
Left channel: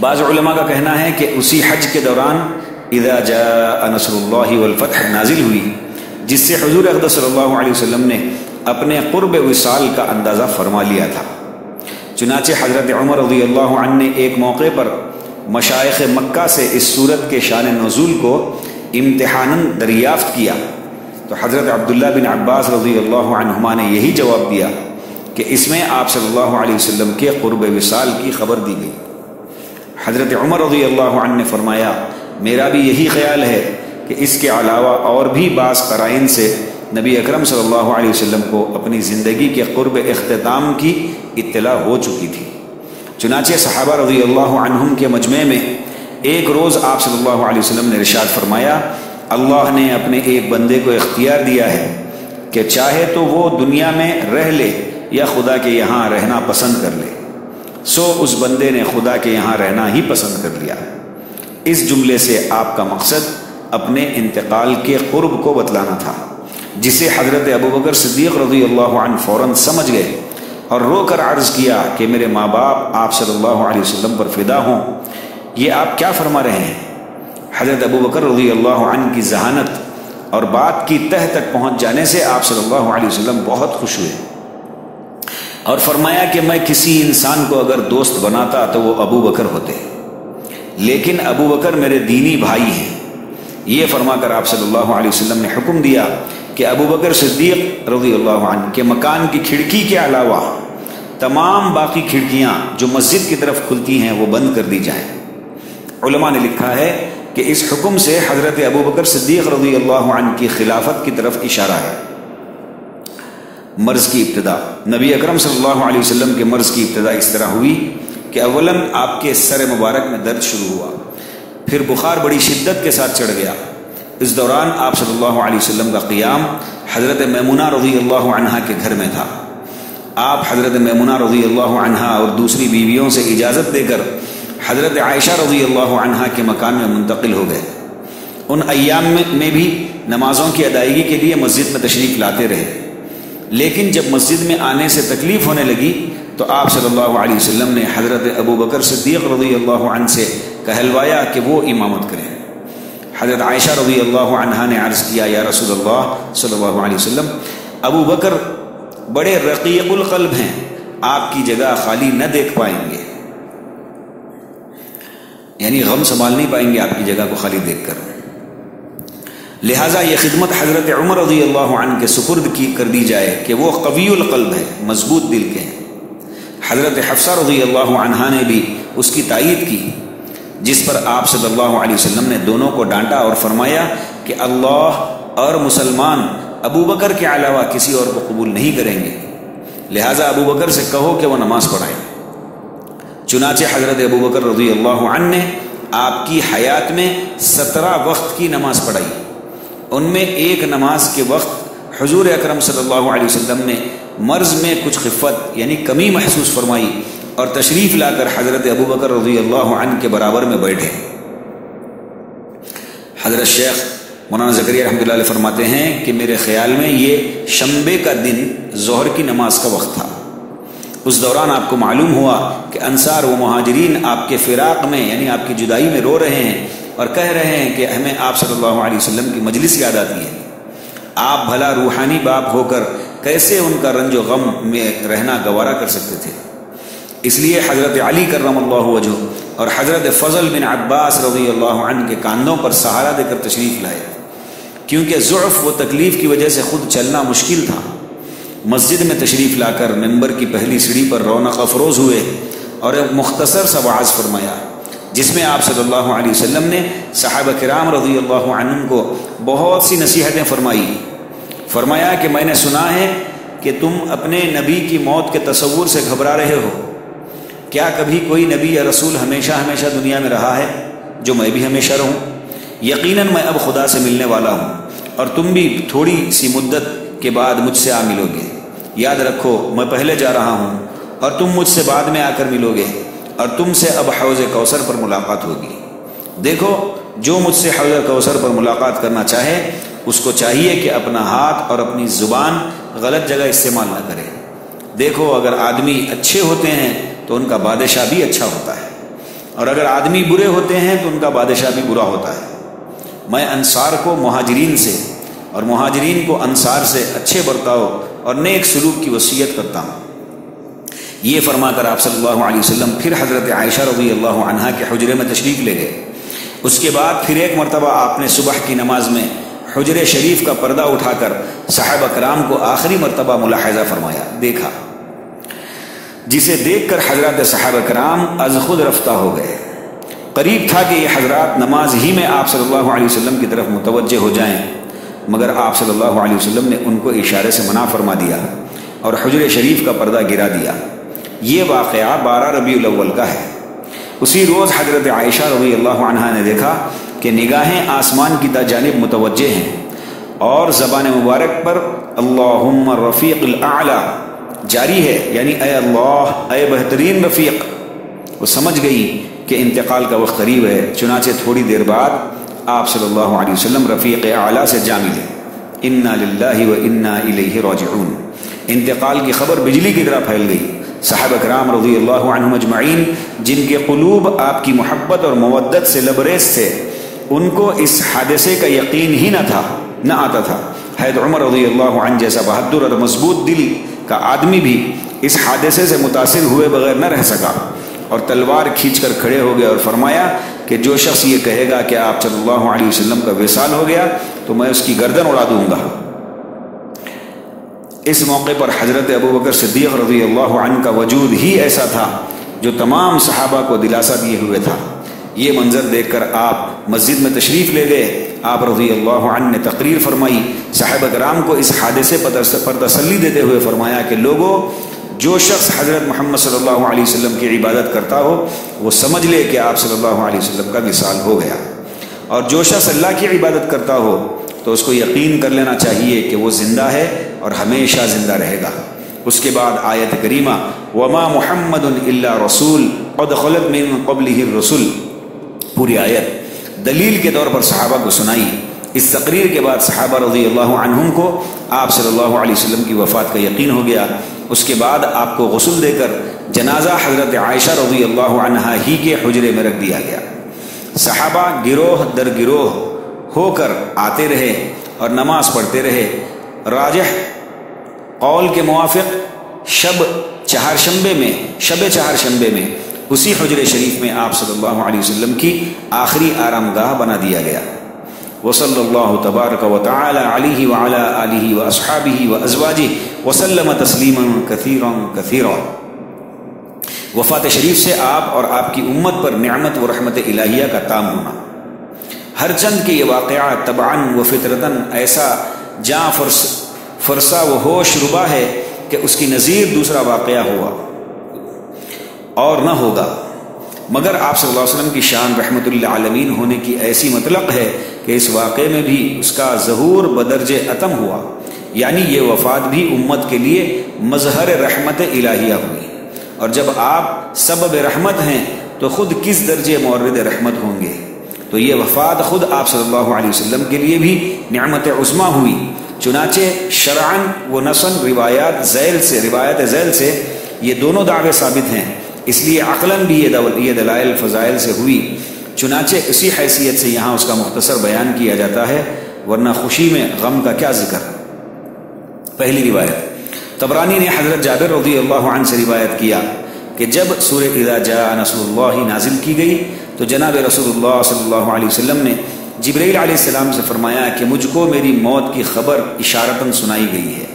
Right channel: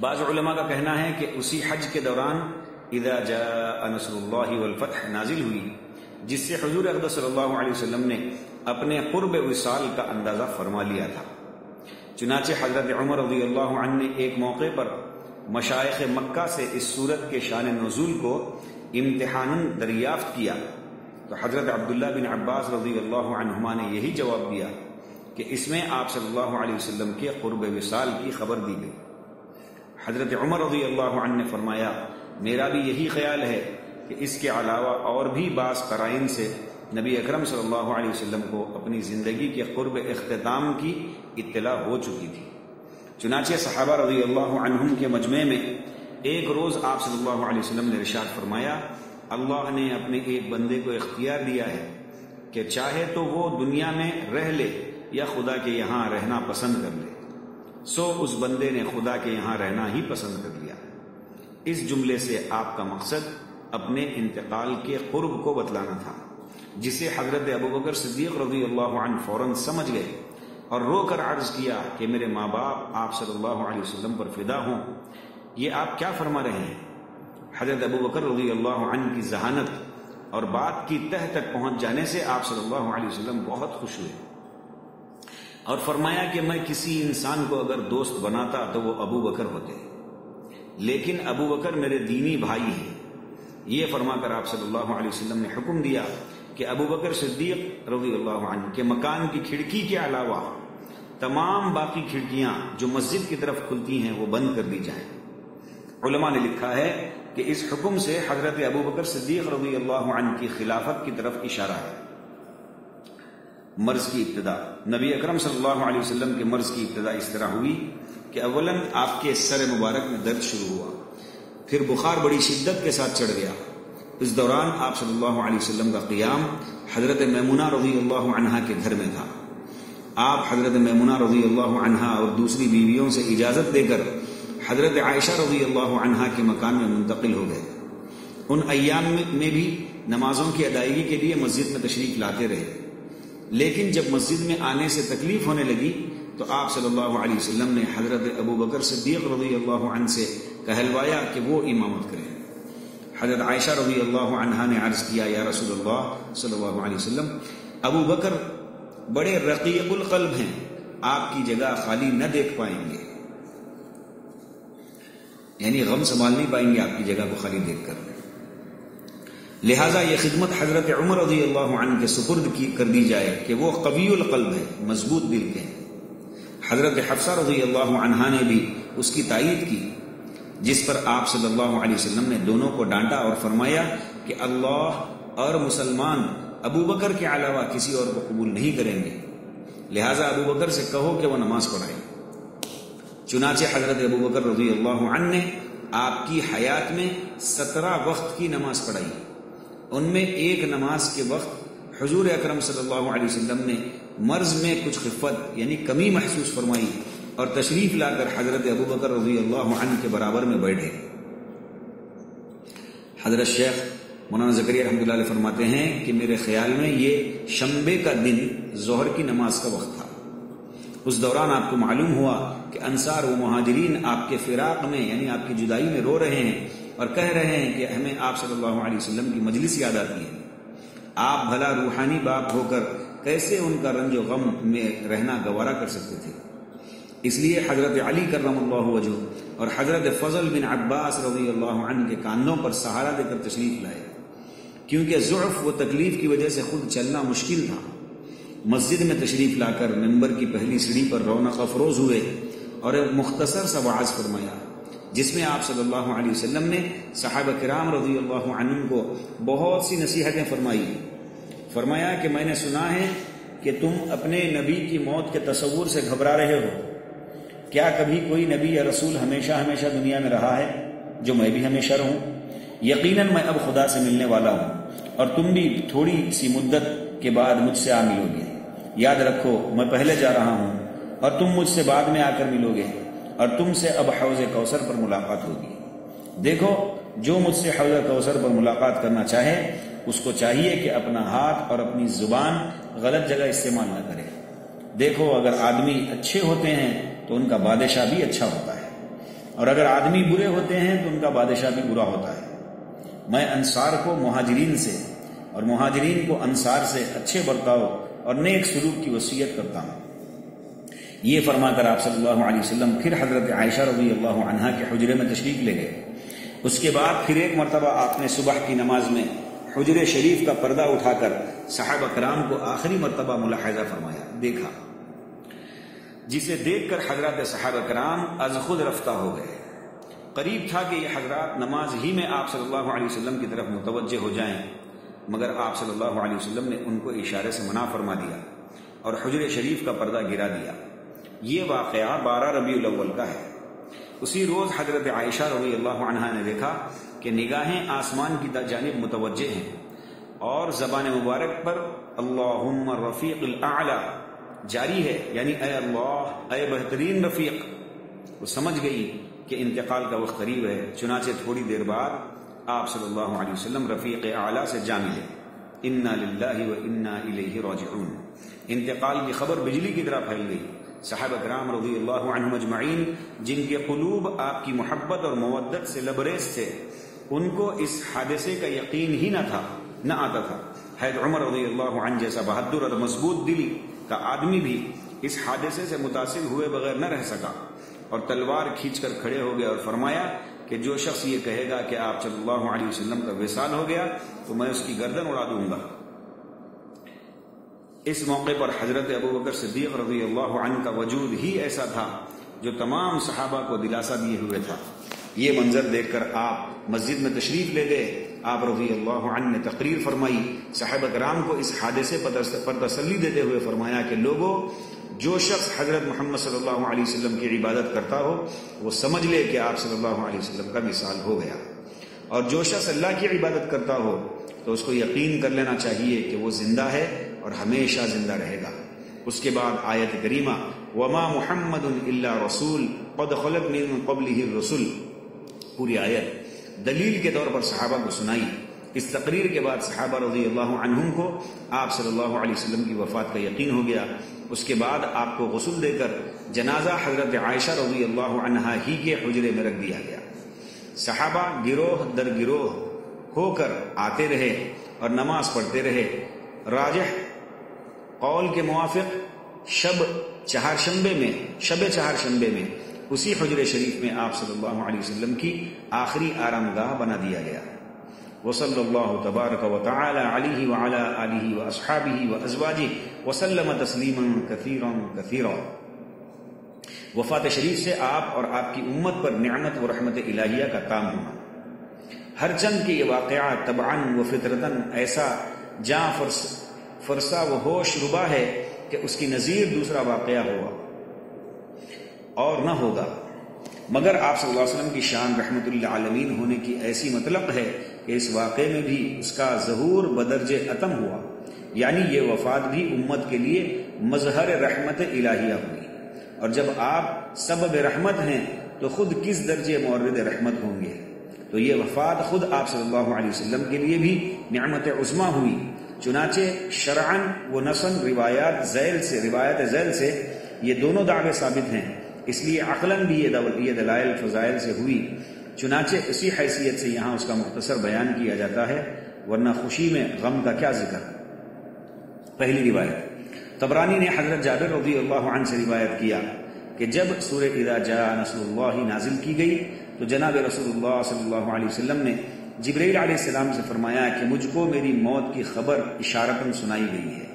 بعض علماء کا کہنا ہے کہ اسی حج کے دوران اذا جاء نصر اللہ والفتح نازل ہوئی، جس سے حضور اقدس صلی اللہ علیہ وسلم نے اپنے قرب وصال کا اندازہ فرما لیا تھا۔ چنانچہ حضرت عمر رضی اللہ عنہ نے ایک موقع پر مشائخ مکہ سے اس سورت کے شان نزول کو امتحاناً دریافت کیا، تو حضرت عبداللہ بن عباس رضی اللہ عنہما نے یہی جواب دیا کہ اس میں آپ صلی اللہ علیہ وسلم کے قرب وصال کی خبر دی گئی۔ حضرت عمر رضی اللہ عنہ نے فرمایا میرا بھی یہی خیال ہے کہ اس کے علاوہ اور بھی بعض قرائن سے نبی اکرم صلی اللہ علیہ وسلم کو اپنی زندگی کے قرب اختتام کی اطلاع ہو چکی تھی۔ چنانچہ صحابہ رضی اللہ عنہم کے مجمع میں ایک روز آپ صلی اللہ علیہ وسلم نے ارشاد فرمایا اللہ نے اپنے ایک بندے کو اختیار دیا ہے کہ چاہے تو وہ دنیا میں رہ لے یا خدا کے یہاں رہنا پسند کر لے، سو اس بندے نے خدا کے یہاں رہنا ہی پسند کر لیا۔ اس جملے سے آپ کا مقصد اپنے انتقال کے قرب کو بتلانا تھا، جسے حضرت ابوبکر صدیق رضی اللہ عنہ فوراً سمجھ گئے اور رو کر عرض کیا کہ میرے ماں باپ آپ صلی اللہ علیہ وسلم پر فدا ہوں، یہ آپ کیا فرما رہے ہیں؟ حضرت ابوبکر رضی اللہ عنہ کی ذہانت اور بات کی تہ تک پہنچ جانے سے آپ صلی اللہ علیہ وسلم بہت خوش ہوئے اور فرمایا کہ میں کسی انسان کو اگر دوست بناتا تو وہ ابو بکر ہوتے، لیکن ابو بکر میرے دینی بھائی ہیں۔ یہ فرما کر آپ صلی اللہ علیہ وسلم نے حکم دیا کہ ابو بکر صدیق رضی اللہ عنہ کے مکان کی کھڑکی کے علاوہ تمام باقی کھڑکیاں جو مسجد کی طرف کھلتی ہیں وہ بند کر دی جائیں۔ علماء نے لکھا ہے کہ اس حکم سے حضرت ابوبکر صدیق رضی اللہ عنہ کی خلافت کی طرف اشارہ ہے۔ مرض کی ابتدا، نبی اکرم صلی اللہ علیہ وسلم کے مرض کی ابتدا اس طرح ہوئی کہ اولاً آپ کے سر مبارک میں درد شروع ہوا، پھر بخار بڑی شدت کے ساتھ چڑھ گیا۔ اس دوران آپ صلی اللہ علیہ وسلم کا قیام حضرت میمونہ رضی اللہ عنہا کے گھر میں تھا۔ آپ حضرت میمونہ رضی اللہ عنہا اور دوسری بیویوں سے اجازت دے کر حضرت عائشہ رضی اللہ عنہا کے مکان میں منتقل ہو گئے۔ ان ایام میں بھی نمازوں کی ادائیگی کے لیے مسجد میں تشریف لاتے رہے، لیکن جب مسجد میں آنے سے تکلیف ہونے لگی تو آپ صلی اللہ علیہ وسلم نے حضرت ابوبکر صدیق رضی اللہ عنہ سے کہلوایا کہ وہ امامت کریں۔ حضرت عائشہ رضی اللہ عنہا نے عرض کیا، یا رسول اللہ صلی اللہ علیہ وسلم، ابو بکر بڑے رقیق القلب ہیں، آپ کی جگہ خالی نہ دیکھ پائیں گے، یعنی غم سنبھال نہیں پائیں گے آپ کی جگہ کو خالی دیکھ کر، لہٰذا یہ خدمت حضرت عمر رضی اللہ عنہ کے سپرد کر دی جائے کہ وہ قوی القلب ہے، مضبوط دل کے ہیں۔ حضرت حفصہ رضی اللہ عنہا نے بھی اس کی تائید کی، جس پر آپ صلی اللہ علیہ وسلم نے دونوں کو ڈانٹا اور فرمایا کہ اللہ اور مسلمان ابو بکر کے علاوہ کسی اور کو قبول نہیں کریں گے، لہٰذا ابو بکر سے کہو کہ وہ نماز پڑھائیں۔ چنانچہ حضرت ابو بکر رضی اللہ عنہ نے آپ کی حیات میں 17 وقت کی نماز پڑھائی۔ ان میں ایک نماز کے وقت حضور اکرم صلی اللہ علیہ وسلم نے مرض میں کچھ خفت یعنی کمی محسوس فرمائی اور تشریف لا کر حضرت ابوبکر رضی اللہ عنہ کے برابر میں بیٹھے۔ حضرت شیخ مولانا زکریا رحمۃ اللہ علیہ فرماتے ہیں کہ میرے خیال میں یہ شنبے کا دن ظہر کی نماز کا وقت تھا۔ اس دوران آپ کو معلوم ہوا کہ انصار و مہاجرین آپ کے فراق میں یعنی آپ کی جدائی میں رو رہے ہیں اور کہہ رہے ہیں کہ ہمیں آپ صلی اللہ علیہ وسلم کی مجلس یاد آتی ہے۔ آپ بھلا روحانی باپ ہو کر کیسے ان کا رنج و غم میں رہنا گوارا کر سکتے تھے؟ اس لیے حضرت علی کرم اللہ وجہ اور حضرت فضل بن عباس رضی اللہ عنہ کے کاندھوں پر سہارا دے کر تشریف لائے، کیونکہ ضعف و تکلیف کی وجہ سے خود چلنا مشکل تھا۔ مسجد میں تشریف لا کر ممبر کی پہلی سیڑھی پر رونق افروز ہوئے اور ایک مختصر سا وعظ فرمایا، جس میں آپ صلی اللہ علیہ وسلم نے صحابہ کرام رضی اللہ عنہم کو بہت سی نصیحتیں فرمایا کہ میں نے سنا ہے کہ تم اپنے نبی کی موت کے تصور سے گھبرا رہے ہو، کیا کبھی کوئی نبی یا رسول ہمیشہ دنیا میں رہا ہے جو میں بھی ہمیشہ رہوں؟ یقیناً میں اب خدا سے ملنے والا ہوں اور تم بھی تھوڑی سی مدت کے بعد مجھ سے آ ملو گے۔ یاد رکھو میں پہلے جا رہا ہوں اور تم مجھ سے بعد میں آ کر ملو گے اور تم سے اب حوض کوثر پر ملاقات ہوگی۔ دیکھو جو مجھ سے حوض کوثر پر ملاقات کرنا چاہے اس کو چاہیے کہ اپنا ہاتھ اور اپنی زبان غلط جگہ استعمال نہ کرے۔ دیکھو اگر آدمی اچھے ہوتے ہیں تو ان کا بادشاہ بھی اچھا ہوتا ہے، اور اگر آدمی برے ہوتے ہیں تو ان کا بادشاہ بھی برا ہوتا ہے۔ میں انصار کو مہاجرین سے اور مہاجرین کو انصار سے اچھے برتاؤ اور نیک سلوک کی وصیت کرتا ہوں۔ یہ فرما کر آپ صلی اللہ علیہ وسلم پھر حضرت عائشہ رضی اللہ عنہا کے حجرے میں تشریف لے گئے۔ اس کے بعد پھر ایک مرتبہ آپ نے صبح کی نماز میں حجرے شریف کا پردہ اٹھا کر صحابہ کرام کو آخری مرتبہ ملاحظہ فرمایا، دیکھا، جسے دیکھ کر حضرات صحابہ کرام از خود رفتہ ہو گئے۔ قریب تھا کہ یہ حضرات نماز ہی میں آپ صلی اللہ علیہ وسلم کی طرف متوجہ ہو جائیں، مگر آپ صلی اللہ علیہ وسلم نے ان کو اشارے سے منع فرما دیا اور حجرے شریف کا پردہ گرا دیا۔ یہ واقعہ 12 ربیع الاول کا ہے۔ اسی روز حضرت عائشہ رضی اللہ عنہا نے دیکھا کہ نگاہیں آسمان کی جانب متوجہ ہیں اور زبان مبارک پر اللہم رفیق الاعلیٰ جاری ہے، یعنی اے اللہ، اے بہترین رفیق۔ وہ سمجھ گئی کہ انتقال کا وقت قریب ہے، چنانچہ تھوڑی دیر بعد آپ صلی اللہ علیہ وسلم رفیق اعلیٰ سے جا ملے۔ انا للہ و انا الیہ راجعون۔ انتقال کی خبر بجلی کی طرح پھیل گئی۔ صحابہ کرام رضی اللہ عنہم اجمعین جن کے قلوب آپ کی محبت اور مودت سے لبریز تھے، ان کو اس حادثے کا یقین ہی نہ آتا تھا۔ حضرت عمر رضی اللہ عنہ جیسا بہادر اور مضبوط دل کا آدمی بھی اس حادثے سے متاثر ہوئے بغیر نہ رہ سکا اور تلوار کھینچ کر کھڑے ہو گئے اور فرمایا کہ جو شخص یہ کہے گا کہ آپ صلی اللہ علیہ وسلم کا وصال ہو گیا تو میں اس کی گردن اڑا دوں گا۔ اس موقع پر حضرت ابوبکر صدیق رضی اللہ عنہ کا وجود ہی ایسا تھا جو تمام صحابہ کو دلاسا دیے ہوئے تھا۔ یہ منظر دیکھ کر آپ مسجد میں تشریف لے گئے۔ آپ رضی اللہ عنہ نے تقریر فرمائی، صحابہ کرام کو اس حادثے پر تسلی دیتے ہوئے فرمایا کہ لوگوں، جو شخص حضرت محمد صلی اللہ علیہ وسلم کی عبادت کرتا ہو وہ سمجھ لے کہ آپ صلی اللہ علیہ وسلم کا وصال ہو گیا، اور جو شخص اللہ کی عبادت کرتا ہو تو اس کو یقین کر لینا چاہیے کہ وہ زندہ ہے اور ہمیشہ زندہ رہے گا۔ اس کے بعد آیت کریمہ وما محمد الا رسول قد خلت من قبلہ الرسل، پوری آیت دلیل کے طور پر صحابہ کو سنائی۔ اس تقریر کے بعد صحابہ رضی اللہ عنہم کو آپ صلی اللہ علیہ وسلم کی وفات کا یقین ہو گیا۔ اس کے بعد آپ کو غسل دے کر جنازہ حضرت عائشہ رضی اللہ عنہا ہی کے حجرے میں رکھ دیا گیا۔ صحابہ گروہ در گروہ ہو کر آتے رہے اور نماز پڑھتے رہے۔ راجح قول کے موافق شب چہارشنبے میں اسی حجر شریف میں آپ صلی اللہ علیہ وسلم کی آخری آرام گاہ بنا دیا گیا۔ وصلی اللہ تبارک و تعالی علیہ وعلی آلہ واصحابہ وازواجہ وسلم تسلیما کثیرا کثیرا۔ وفات شریف سے آپ اور آپ کی امت پر نعمت و رحمت الہیہ کا تام ہونا۔ ہر چند کہ یہ واقعہ طبعاً و فطرتاً ایسا جاں فرسا و ہوش ربا ہے کہ اس کی نظیر دوسرا واقعہ ہوا اور نہ ہوگا، مگر آپ صلی اللہ علیہ وسلم کی شان رحمت للعالمین ہونے کی ایسی مطلق ہے کہ اس واقعے میں بھی اس کا ظہور بدرجہ اتم ہوا، یعنی یہ وفات بھی امت کے لیے مظہر رحمت الہیہ ہوئی، اور جب آپ سبب رحمت ہیں تو خود کس درجے مورد رحمت ہوں گے۔ تو یہ وفات خود آپ صلی اللہ علیہ وسلم کے لیے بھی نعمت عظمیٰ ہوئی۔ چنانچہ شرعاً و نصاً روایت ذیل سے یہ دونوں دعوے ثابت ہیں، اس لیے عقلاً بھی یہ دلائل فضائل سے ہوئی۔ چنانچہ اسی حیثیت سے یہاں اس کا مختصر بیان کیا جاتا ہے، ورنہ خوشی میں غم کا کیا ذکر۔ پہلی روایت طبرانی نے حضرت جابر رضی اللہ عنہ سے روایت کیا کہ جب سورہ اذا جاء نصر اللہ نازل کی گئی تو جناب رسول اللہ صلی اللہ علیہ وسلم نے جبرائیل علیہ السلام سے فرمایا کہ مجھ کو میری موت کی خبر اشارتاً سنائی گئی ہے۔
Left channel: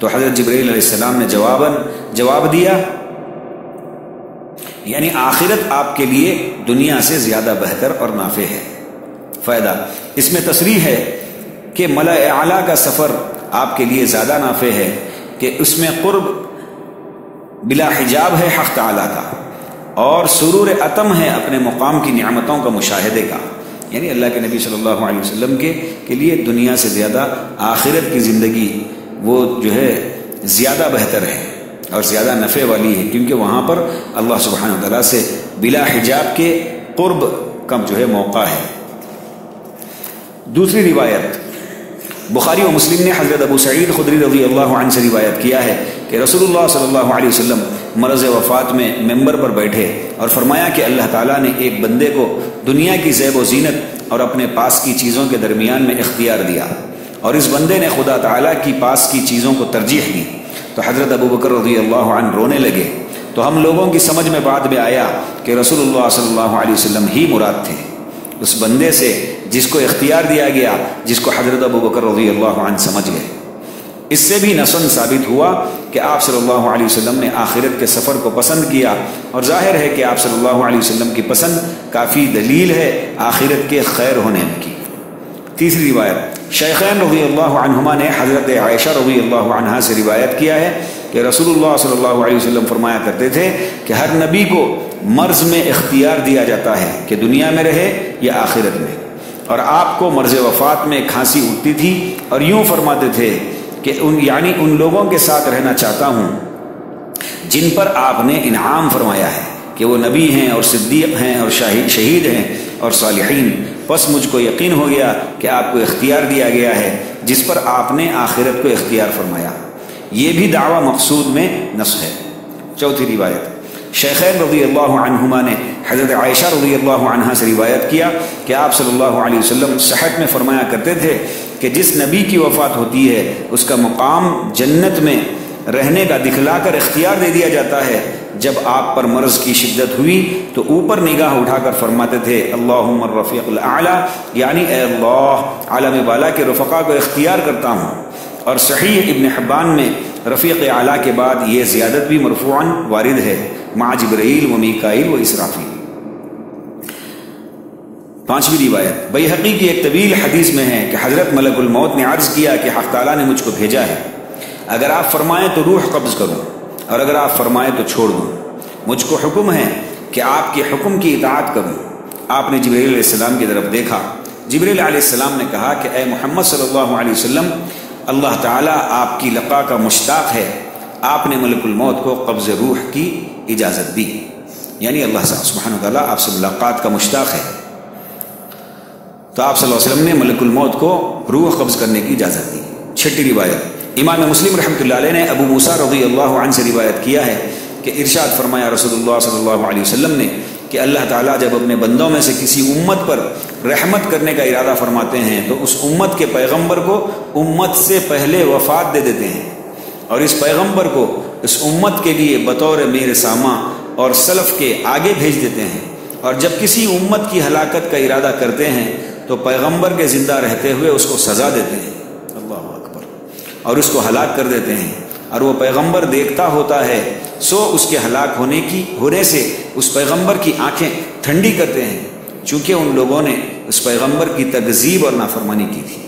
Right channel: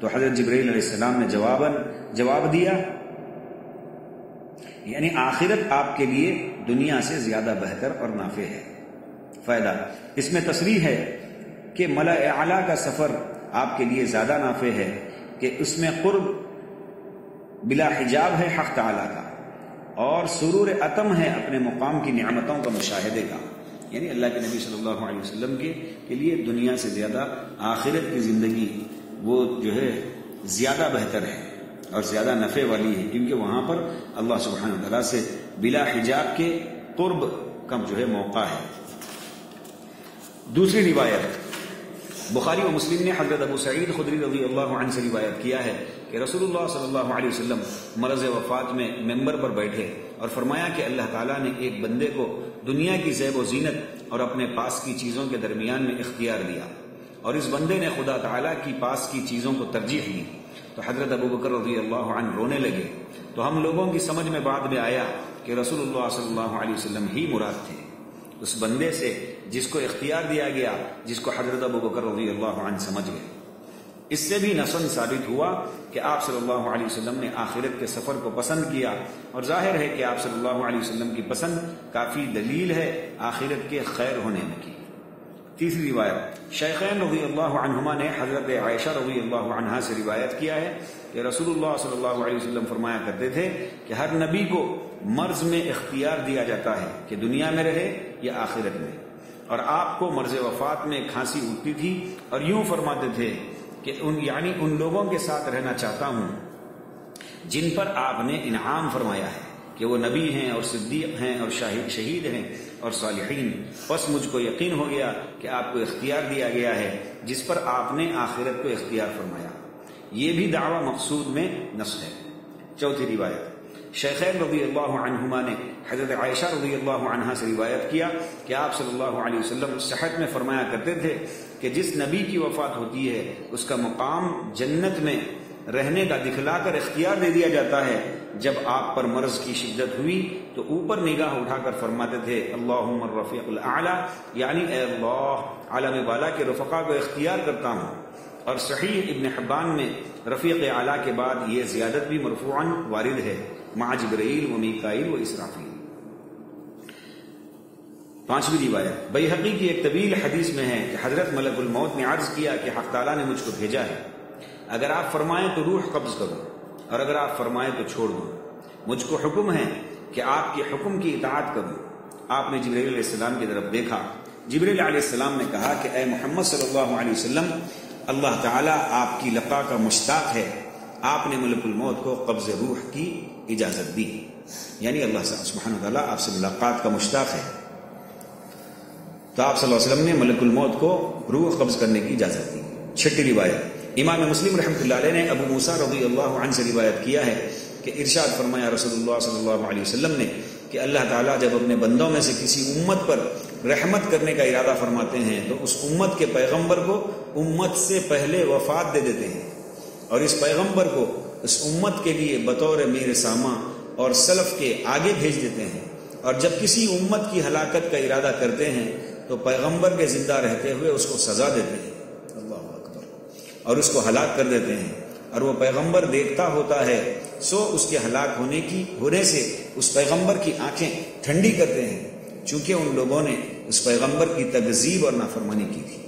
تو حضرت جبرائیل علیہ السلام نے جواب دیا، یعنی آخرت آپ کے لیے دنیا سے زیادہ بہتر اور نافع ہے۔ فائدہ اس میں تصریح ہے کہ ملأ اعلیٰ کا سفر آپ کے لیے زیادہ نافع ہے کہ اس میں قرب بلا حجاب ہے حق تعالیٰ کا، اور سرور اتم ہے اپنے مقام کی نعمتوں کا مشاہدے کا، یعنی اللہ کے نبی صلی اللہ علیہ وسلم کے لیے دنیا سے زیادہ آخرت کی زندگی وہ جو ہے زیادہ بہتر ہے اور زیادہ نفع والی ہے، کیونکہ وہاں پر اللہ سبحانہ وتعالیٰ سے بلا حجاب کے قرب کا جو ہے موقع ہے۔ دوسری روایت بخاری و مسلم نے حضرت ابو سعید خدری رضی اللہ عنہ سے روایت کیا ہے کہ رسول اللہ صلی اللہ علیہ وسلم مرض وفات میں ممبر پر بیٹھے اور فرمایا کہ اللہ تعالیٰ نے ایک بندے کو دنیا کی زیب و زینت اور اپنے پاس کی چیزوں کے درمیان میں اختیار دیا، اور اس بندے نے خدا تعالیٰ کی پاس کی چیزوں کو ترجیح دی۔ تو حضرت ابو بکر رضی اللہ عنہ رونے لگے، تو ہم لوگوں کی سمجھ میں بعد میں آیا کہ رسول اللہ صلی اللہ علیہ وسلم ہی مراد تھے، اس بندے سے جس کو اختیار دیا گیا، جس کو حضرت ابو بکر رضی اللہ عنہ سمجھ گئے۔ اس سے بھی نصاً ثابت ہوا کہ آپ صلی اللہ علیہ وسلم نے آخرت کے سفر کو پسند کیا، اور ظاہر ہے کہ آپ صلی اللہ علیہ وسلم کی پسند کافی دلیل ہے آخرت کے خیر ہونے کی۔ تیسری روایت شیخین رضی اللہ عنہما نے حضرت عائشہ رضی اللہ عنہا سے روایت کیا ہے کہ رسول اللہ صلی اللہ علیہ وسلم فرمایا کرتے تھے کہ ہر نبی کو مرض میں اختیار دیا جاتا ہے کہ دنیا میں رہے یا آخرت میں، اور آپ کو مرض وفات میں کھانسی اٹھتی تھی اور یوں فرماتے تھے کہ ان لوگوں کے ساتھ رہنا چاہتا ہوں جن پر آپ نے انعام فرمایا ہے کہ وہ نبی ہیں اور صدیق ہیں اور شہید ہیں اور صالحین، بس مجھ کو یقین ہو گیا کہ آپ کو اختیار دیا گیا ہے جس پر آپ نے آخرت کو اختیار فرمایا۔ یہ بھی دعویٰ مقصود میں نص ہے۔ چوتھی روایت شیخین رضی اللہ عنہما نے حضرت عائشہ رضی اللہ عنہا سے روایت کیا کہ آپ صلی اللہ علیہ وسلم صحت میں فرمایا کرتے تھے کہ جس نبی کی وفات ہوتی ہے اس کا مقام جنت میں رہنے کا دکھلا کر اختیار دے دیا جاتا ہے۔ جب آپ پر مرض کی شدت ہوئی تو اوپر نگاہ اٹھا کر فرماتے تھے اللہم الرفیق الاعلی، یعنی اے اللہ عالم بالا کے رفقا کو اختیار کرتا ہوں۔ اور صحیح ابن حبان میں رفیق اعلیٰ کے بعد یہ زیادت بھی مرفوعاً وارد ہے، مع جبرائیل و میکائیل و اسرافیل۔ 5ویں روایت بیہقی کی ایک طویل حدیث میں ہے کہ حضرت ملک الموت نے عرض کیا کہ حق تعالیٰ نے مجھ کو بھیجا ہے، اگر آپ فرمائیں تو روح قبض کروں اور اگر آپ فرمائیں تو چھوڑ دوں، مجھ کو حکم ہے کہ آپ کے حکم کی اطاعت کروں۔ آپ نے جبرائیل علیہ السلام کی طرف دیکھا، جبرائیل علیہ السلام نے کہا کہ اے محمد صلی اللہ علیہ وسلم، اللہ تعالیٰ آپ کی لقا کا مشتاق ہے، آپ نے ملک الموت کو قبض روح کی اجازت دی، یعنی اللہ سبحانہ وتعالیٰ آپ سے ملاقات کا مشتاق ہے، تو آپ صلی اللہ علیہ وسلم نے ملک الموت کو روح قبض کرنے کی اجازت دی۔ 6 روایت امام مسلم رحمۃ اللہ علیہ نے ابو موسیٰ رضی اللہ عنہ سے روایت کیا ہے کہ ارشاد فرمایا رسول اللہ صلی اللہ علیہ وسلم نے کہ اللہ تعالیٰ جب اپنے بندوں میں سے کسی امت پر رحمت کرنے کا ارادہ فرماتے ہیں تو اس امت کے پیغمبر کو امت سے پہلے وفات دے دیتے ہیں، اور اس پیغمبر کو اس امت کے لیے بطور میر سامہ اور سلف کے آگے بھیج دیتے ہیں، اور جب کسی امت کی ہلاکت کا ارادہ کرتے ہیں تو پیغمبر کے زندہ رہتے ہوئے اس کو سزا دیتے ہیں، اللہ اکبر، اور اس کو ہلاک کر دیتے ہیں، اور وہ پیغمبر دیکھتا ہوتا ہے، سو اس کے ہلاک ہونے سے اس پیغمبر کی آنکھیں ٹھنڈی کرتے ہیں، چونکہ ان لوگوں نے اس پیغمبر کی تکذیب اور نافرمانی کی تھی۔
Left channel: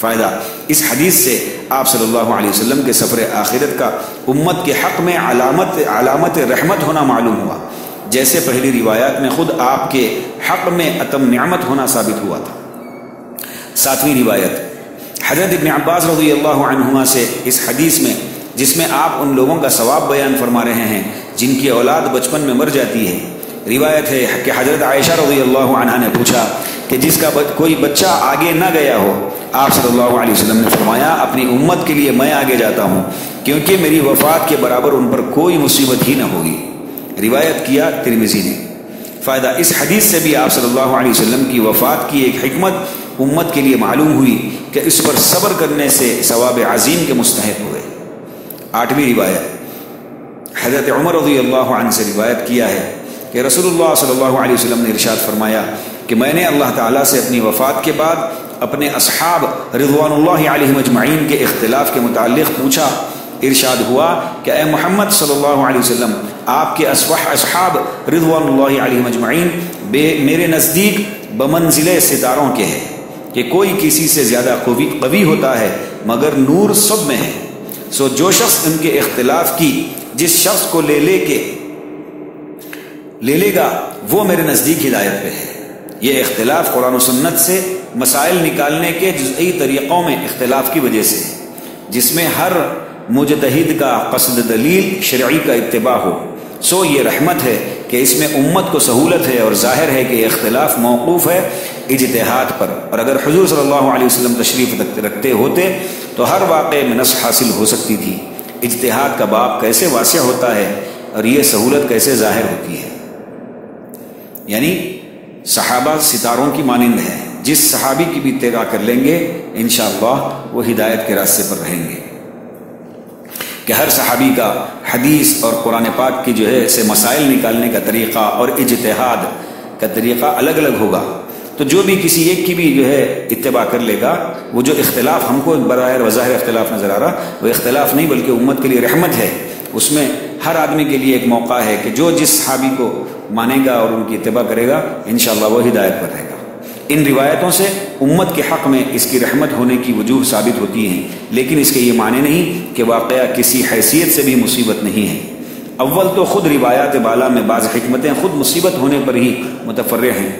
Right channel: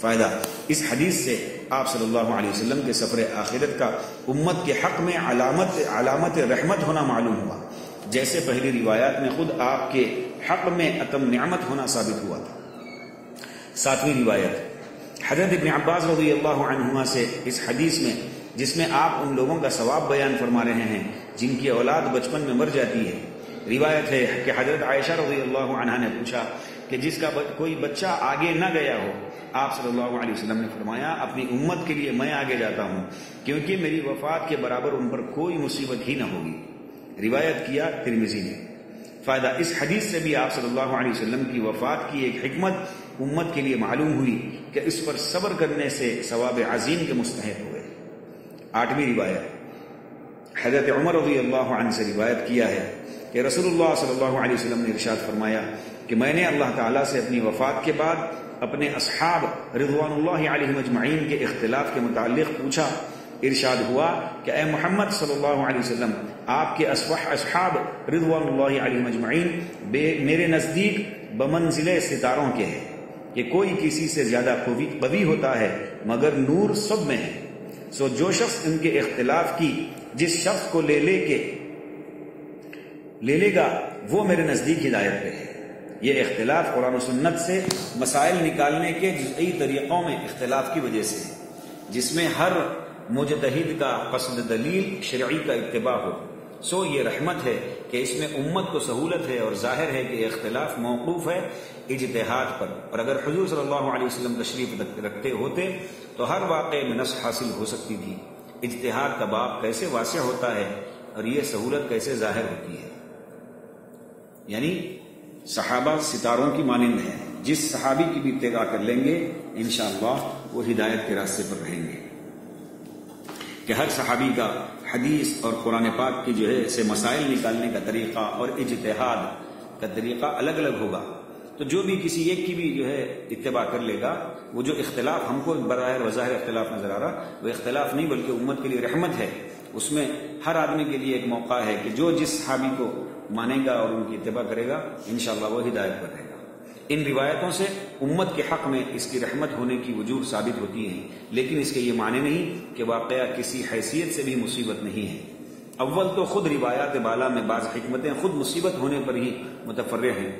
فائدہ اس حدیث سے آپ صلی اللہ علیہ وسلم کے سفر آخرت کا امت کے حق میں علامت رحمت ہونا معلوم ہوا، جیسے پہلی روایات میں خود آپ کے حق میں اتم نعمت ہونا ثابت ہوا تھا۔ 7ویں روایت حضرت ابن عباس رضی اللہ عنہما سے اس حدیث میں، جس میں آپ ان لوگوں کا ثواب بیان فرما رہے ہیں جن کی اولاد بچپن میں مر جاتی ہے، روایت ہے کہ حضرت عائشہ رضی اللہ عنہا نے پوچھا کہ جس کا کوئی بچہ آگے نہ گیا ہو، آپ صلی اللہ علیہ وسلم نے فرمایا اپنی امت کے لیے میں آگے جاتا ہوں، کیونکہ میری وفات کے برابر ان پر کوئی مصیبت ہی نہ ہوگی، روایت کیا ترمذی نے۔ فائدہ اس حدیث سے بھی آپ صلی اللہ علیہ وسلم کی وفات کی ایک حکمت امت کے لیے معلوم ہوئی کہ اس پر صبر کرنے سے ثواب عظیم کے مستحق ہوئے۔ 8ویں روایت حضرت عمر رضی اللہ عنہ سے روایت کیا ہے کہ رسول اللہ صلی اللہ علیہ وسلم نے ارشاد فرمایا کہ میں نے اللہ تعالیٰ سے اپنی وفات کے بعد اپنے اصحاب رضوان اللہ علیہم اجمعین کے اختلاف کے متعلق پوچھا، ارشاد ہوا کہ اے محمد صلی اللہ علیہ وسلم، آپ کے اصحاب رضوان اللہ علیہم اجمعین میرے نزدیک بمنزل ستاروں کے ہیں کہ کوئی کسی سے زیادہ قوی ہوتا ہے مگر نور سب میں ہے، سو جو شخص ان کے اختلاف کی جس شخص کو لے لے گا وہ میرے نزدیک ہدایت پہ ہے۔ یہ اختلاف قرآن و سنت سے مسائل نکالنے کے جزئی طریقوں میں اختلاف کی وجہ سے، جس میں ہر مجتہد کا قصد دلیل شرعی کا اتباع ہو، سو یہ رحمت ہے کہ اس میں امت کو سہولت ہے، اور ظاہر ہے کہ یہ اختلاف موقوف ہے اجتہاد پر، اور اگر حضور صلی اللہ علیہ وسلم تشریف رکھتے ہوتے تو ہر واقعے میں نص حاصل ہو سکتی تھی۔ اجتہاد کا باب کیسے واسع ہوتا ہے اور یہ سہولت کیسے ظاہر ہوتی ہے، یعنی صحابہ ستاروں کی مانند ہے، جس صحابی کی بھی اتباع کر لیں گے انشاءاللہ وہ ہدایت کے راستے پر رہیں گے، کہ ہر صحابی کا حدیث اور قرآن پاک کی سے مسائل نکالنے کا طریقہ اور اجتہاد کا طریقہ الگ الگ ہوگا، تو جو بھی کسی ایک کی بھی اتباع کر لے گا، وہ جو اختلاف ہم کو بظاہر وظاہر اختلاف نظر آ رہا، وہ اختلاف نہیں بلکہ امت کے لیے رحمت ہے، اس میں ہر آدمی کے لیے ایک موقع ہے کہ جو جس صحابی کو مانے گا اور ان کی اتباع کرے گا انشاءاللہ وہ ہدایت پر رہے گا۔ ان روایتوں سے امت کے حق میں اس کی رحمت ہونے کی وجوہ ثابت ہوتی ہیں، لیکن اس کے یہ معنی نہیں کہ واقعہ کسی حیثیت سے بھی مصیبت نہیں ہے۔ اول تو خود روایات بالا میں بعض حکمتیں خود مصیبت ہونے پر ہی متفرع ہیں،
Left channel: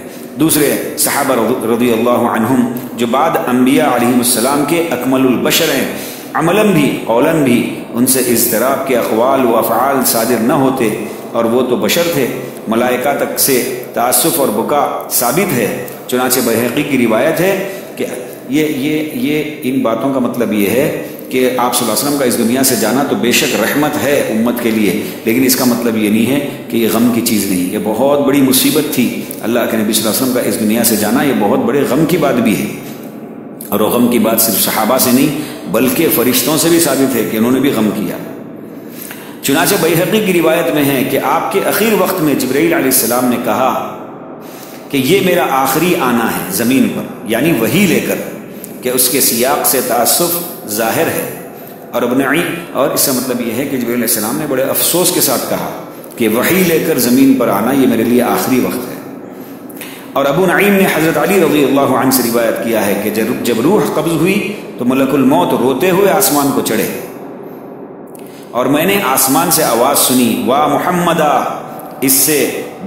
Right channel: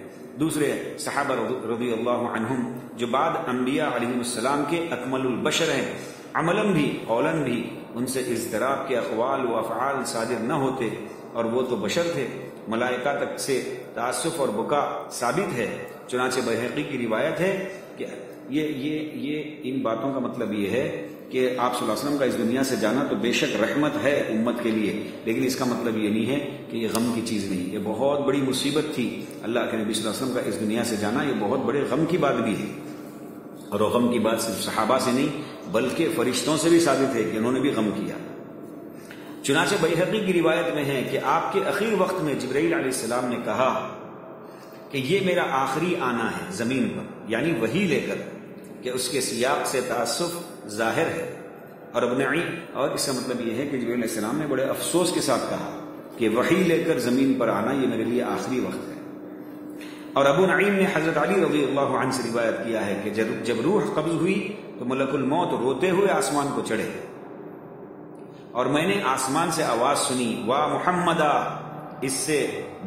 دوسرے صحابہ رضی اللہ عنہم جو بعد انبیاء علیہم السلام کے اکمل البشر ہیں، عملاً بھی قولاً بھی ان سے اضطراب کے اقوال و افعال صادر نہ ہوتے، اور وہ تو بشر تھے، ملائکہ تک سے تعصف اور بکا ثابت ہے۔ چنانچہ بیہقی کی روایت ہے کہ یہ ان باتوں کا مطلب یہ ہے کہ آپ صلی اللہ علیہ وسلم کا اس دنیا سے جانا تو بے شک رحمت ہے امت کے لیے، لیکن اس کا مطلب یہ نہیں ہے کہ یہ غم کی چیز نہیں، یہ بہت بڑی مصیبت تھی اللہ کے نبی صلی اللہ علیہ وسلم کا اس دنیا سے جانا، یہ بہت بڑے غم کی بات بھی ہے، اور وہ غم کی بات صرف صحابہ سے نہیں بلکہ فرشتوں سے بھی ثابت ہے کہ انہوں نے بھی غم کیا۔ چنانچہ بیہقی کی روایت میں ہے کہ آپ کے اخیر وقت میں جبرائیل علیہ السلام نے کہا کہ یہ میرا آخری آنا ہے زمین پر، یعنی وحی لے کر، کہ اس کے سیاق سے تعسف ظاہر ہے، اور ابو نعیم، اور اس کا مطلب یہ ہے کہ جبرائیل علیہ السلام نے بڑے افسوس کے ساتھ کہا کہ وحی لے کر زمین پر آنا یہ میرے لیے آخری وقت ہے۔ اور ابو نعیم نے حضرت علی رضی اللہ عنہ سے روایت کیا ہے کہ جب روح قبض ہوئی تو ملک الموت روتے ہوئے آسمان کو چڑھے، اور میں نے آسمان سے آواز سنی وا محمدہ، اس سے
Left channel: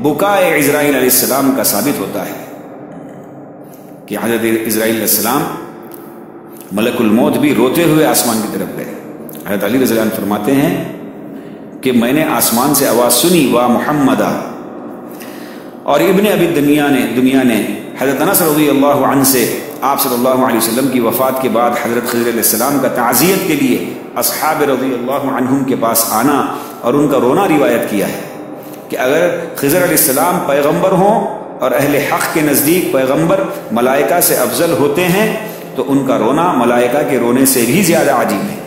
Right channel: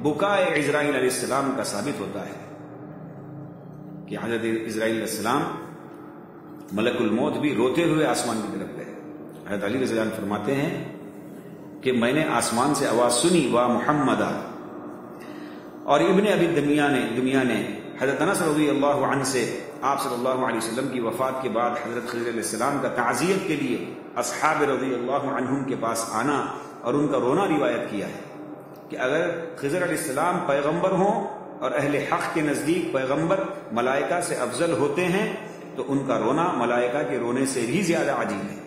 بکائے عزرائیل علیہ السلام کا ثابت ہوتا ہے کہ حضرت عزرائیل علیہ السلام ملک الموت بھی روتے ہوئے آسمان کی طرف گئے۔ حضرت علی رضی اللہ عنہ فرماتے ہیں کہ میں نے آسمان سے آواز سنی وا محمدہ۔ اور ابن ابی دنیا نے حضرت انس رضی اللہ عنہ سے آپ صلی اللہ علیہ وسلم کی وفات کے بعد حضرت خضر علیہ السلام کا تعزیت کے لیے اصحاب رضی اللہ عنہم کے پاس آنا اور ان کا رونا روایت کیا ہے کہ اگر خضر علیہ السلام پیغمبر ہوں اور اہل حق کے نزدیک پیغمبر ملائکہ سے افضل ہوتے ہیں تو ان کا رونا ملائکہ کے رونے سے بھی زیادہ عجیب ہے،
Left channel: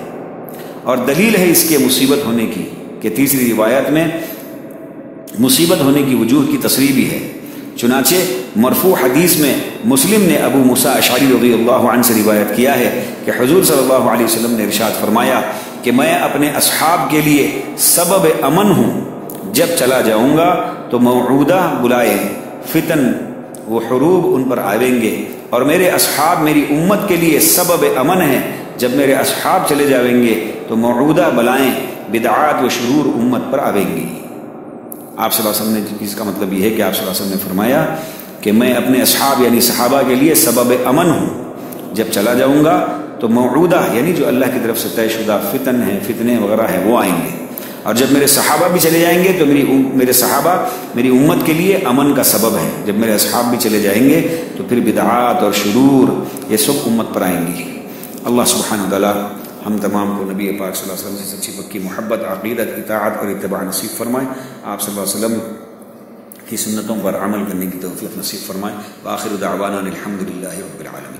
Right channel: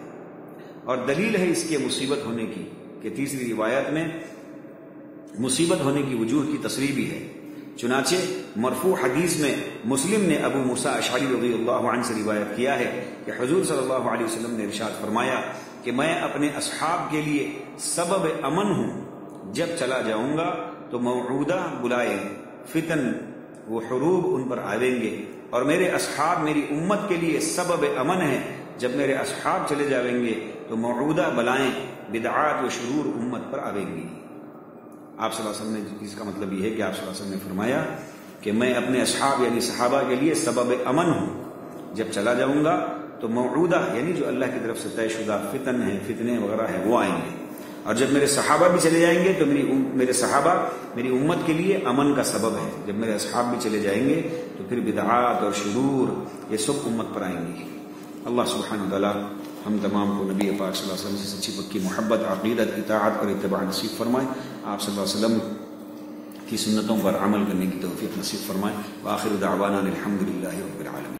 اور دلیل ہے اس کے مصیبت ہونے کی کہ تیسری روایت میں مصیبت ہونے کی وجوہ کی تصریح بھی ہے۔ چنانچہ مرفوع حدیث میں مسلم نے ابو موسیٰ اشعری رضی اللہ عنہ سے روایت کیا ہے کہ حضور صلی اللہ علیہ وسلم نے ارشاد فرمایا کہ میں اپنے اصحاب کے لیے سبب امن ہوں، جب چلا جاؤں گا تو موعودہ بلائے فتن و حروب ان پر آئیں گے، اور میرے اصحاب میری امت کے لیے سبب امن ہے، جب میرے اصحاب چلے جائیں گے تو موعودہ بلائیں بدعات و شرور امت پر آئیں گی۔ آپ صلی اللہ علیہ وسلم نے، اس کا مطلب یہ ہے کہ آپ صلی اللہ علیہ وسلم نے فرمایا کہ میں اپنے اصحاب یعنی صحابہ کے لیے سبب امن ہوں، جب چلا جاؤں گا تو موعودہ یعنی جو اللہ کی طرف سے طے شدہ فتن ہیں، فتنے وغیرہ ہیں، وہ آئیں گے، اور جب میرے صحابہ بھی چلے جائیں گے تو میرے صحابہ میری امت کے لیے امن کا سبب ہیں، جب میرے اصحاب بھی چلے جائیں گے تو پھر بدعات اور شرور یہ سب امت پر آئیں گی۔ اللہ سبحانہ وتعالی ہم تمام کو نبی پاک صلی اللہ علیہ وسلم سے سچی پکی محبت، عقیدت، اطاعت اور اتباع نصیب فرمائے، آپ صلی اللہ علیہ وسلم کی سنتوں پر عمل کرنے کی توفیق نصیب فرمائے۔ وآخر دعوانا الحمد للہ رب العالمین۔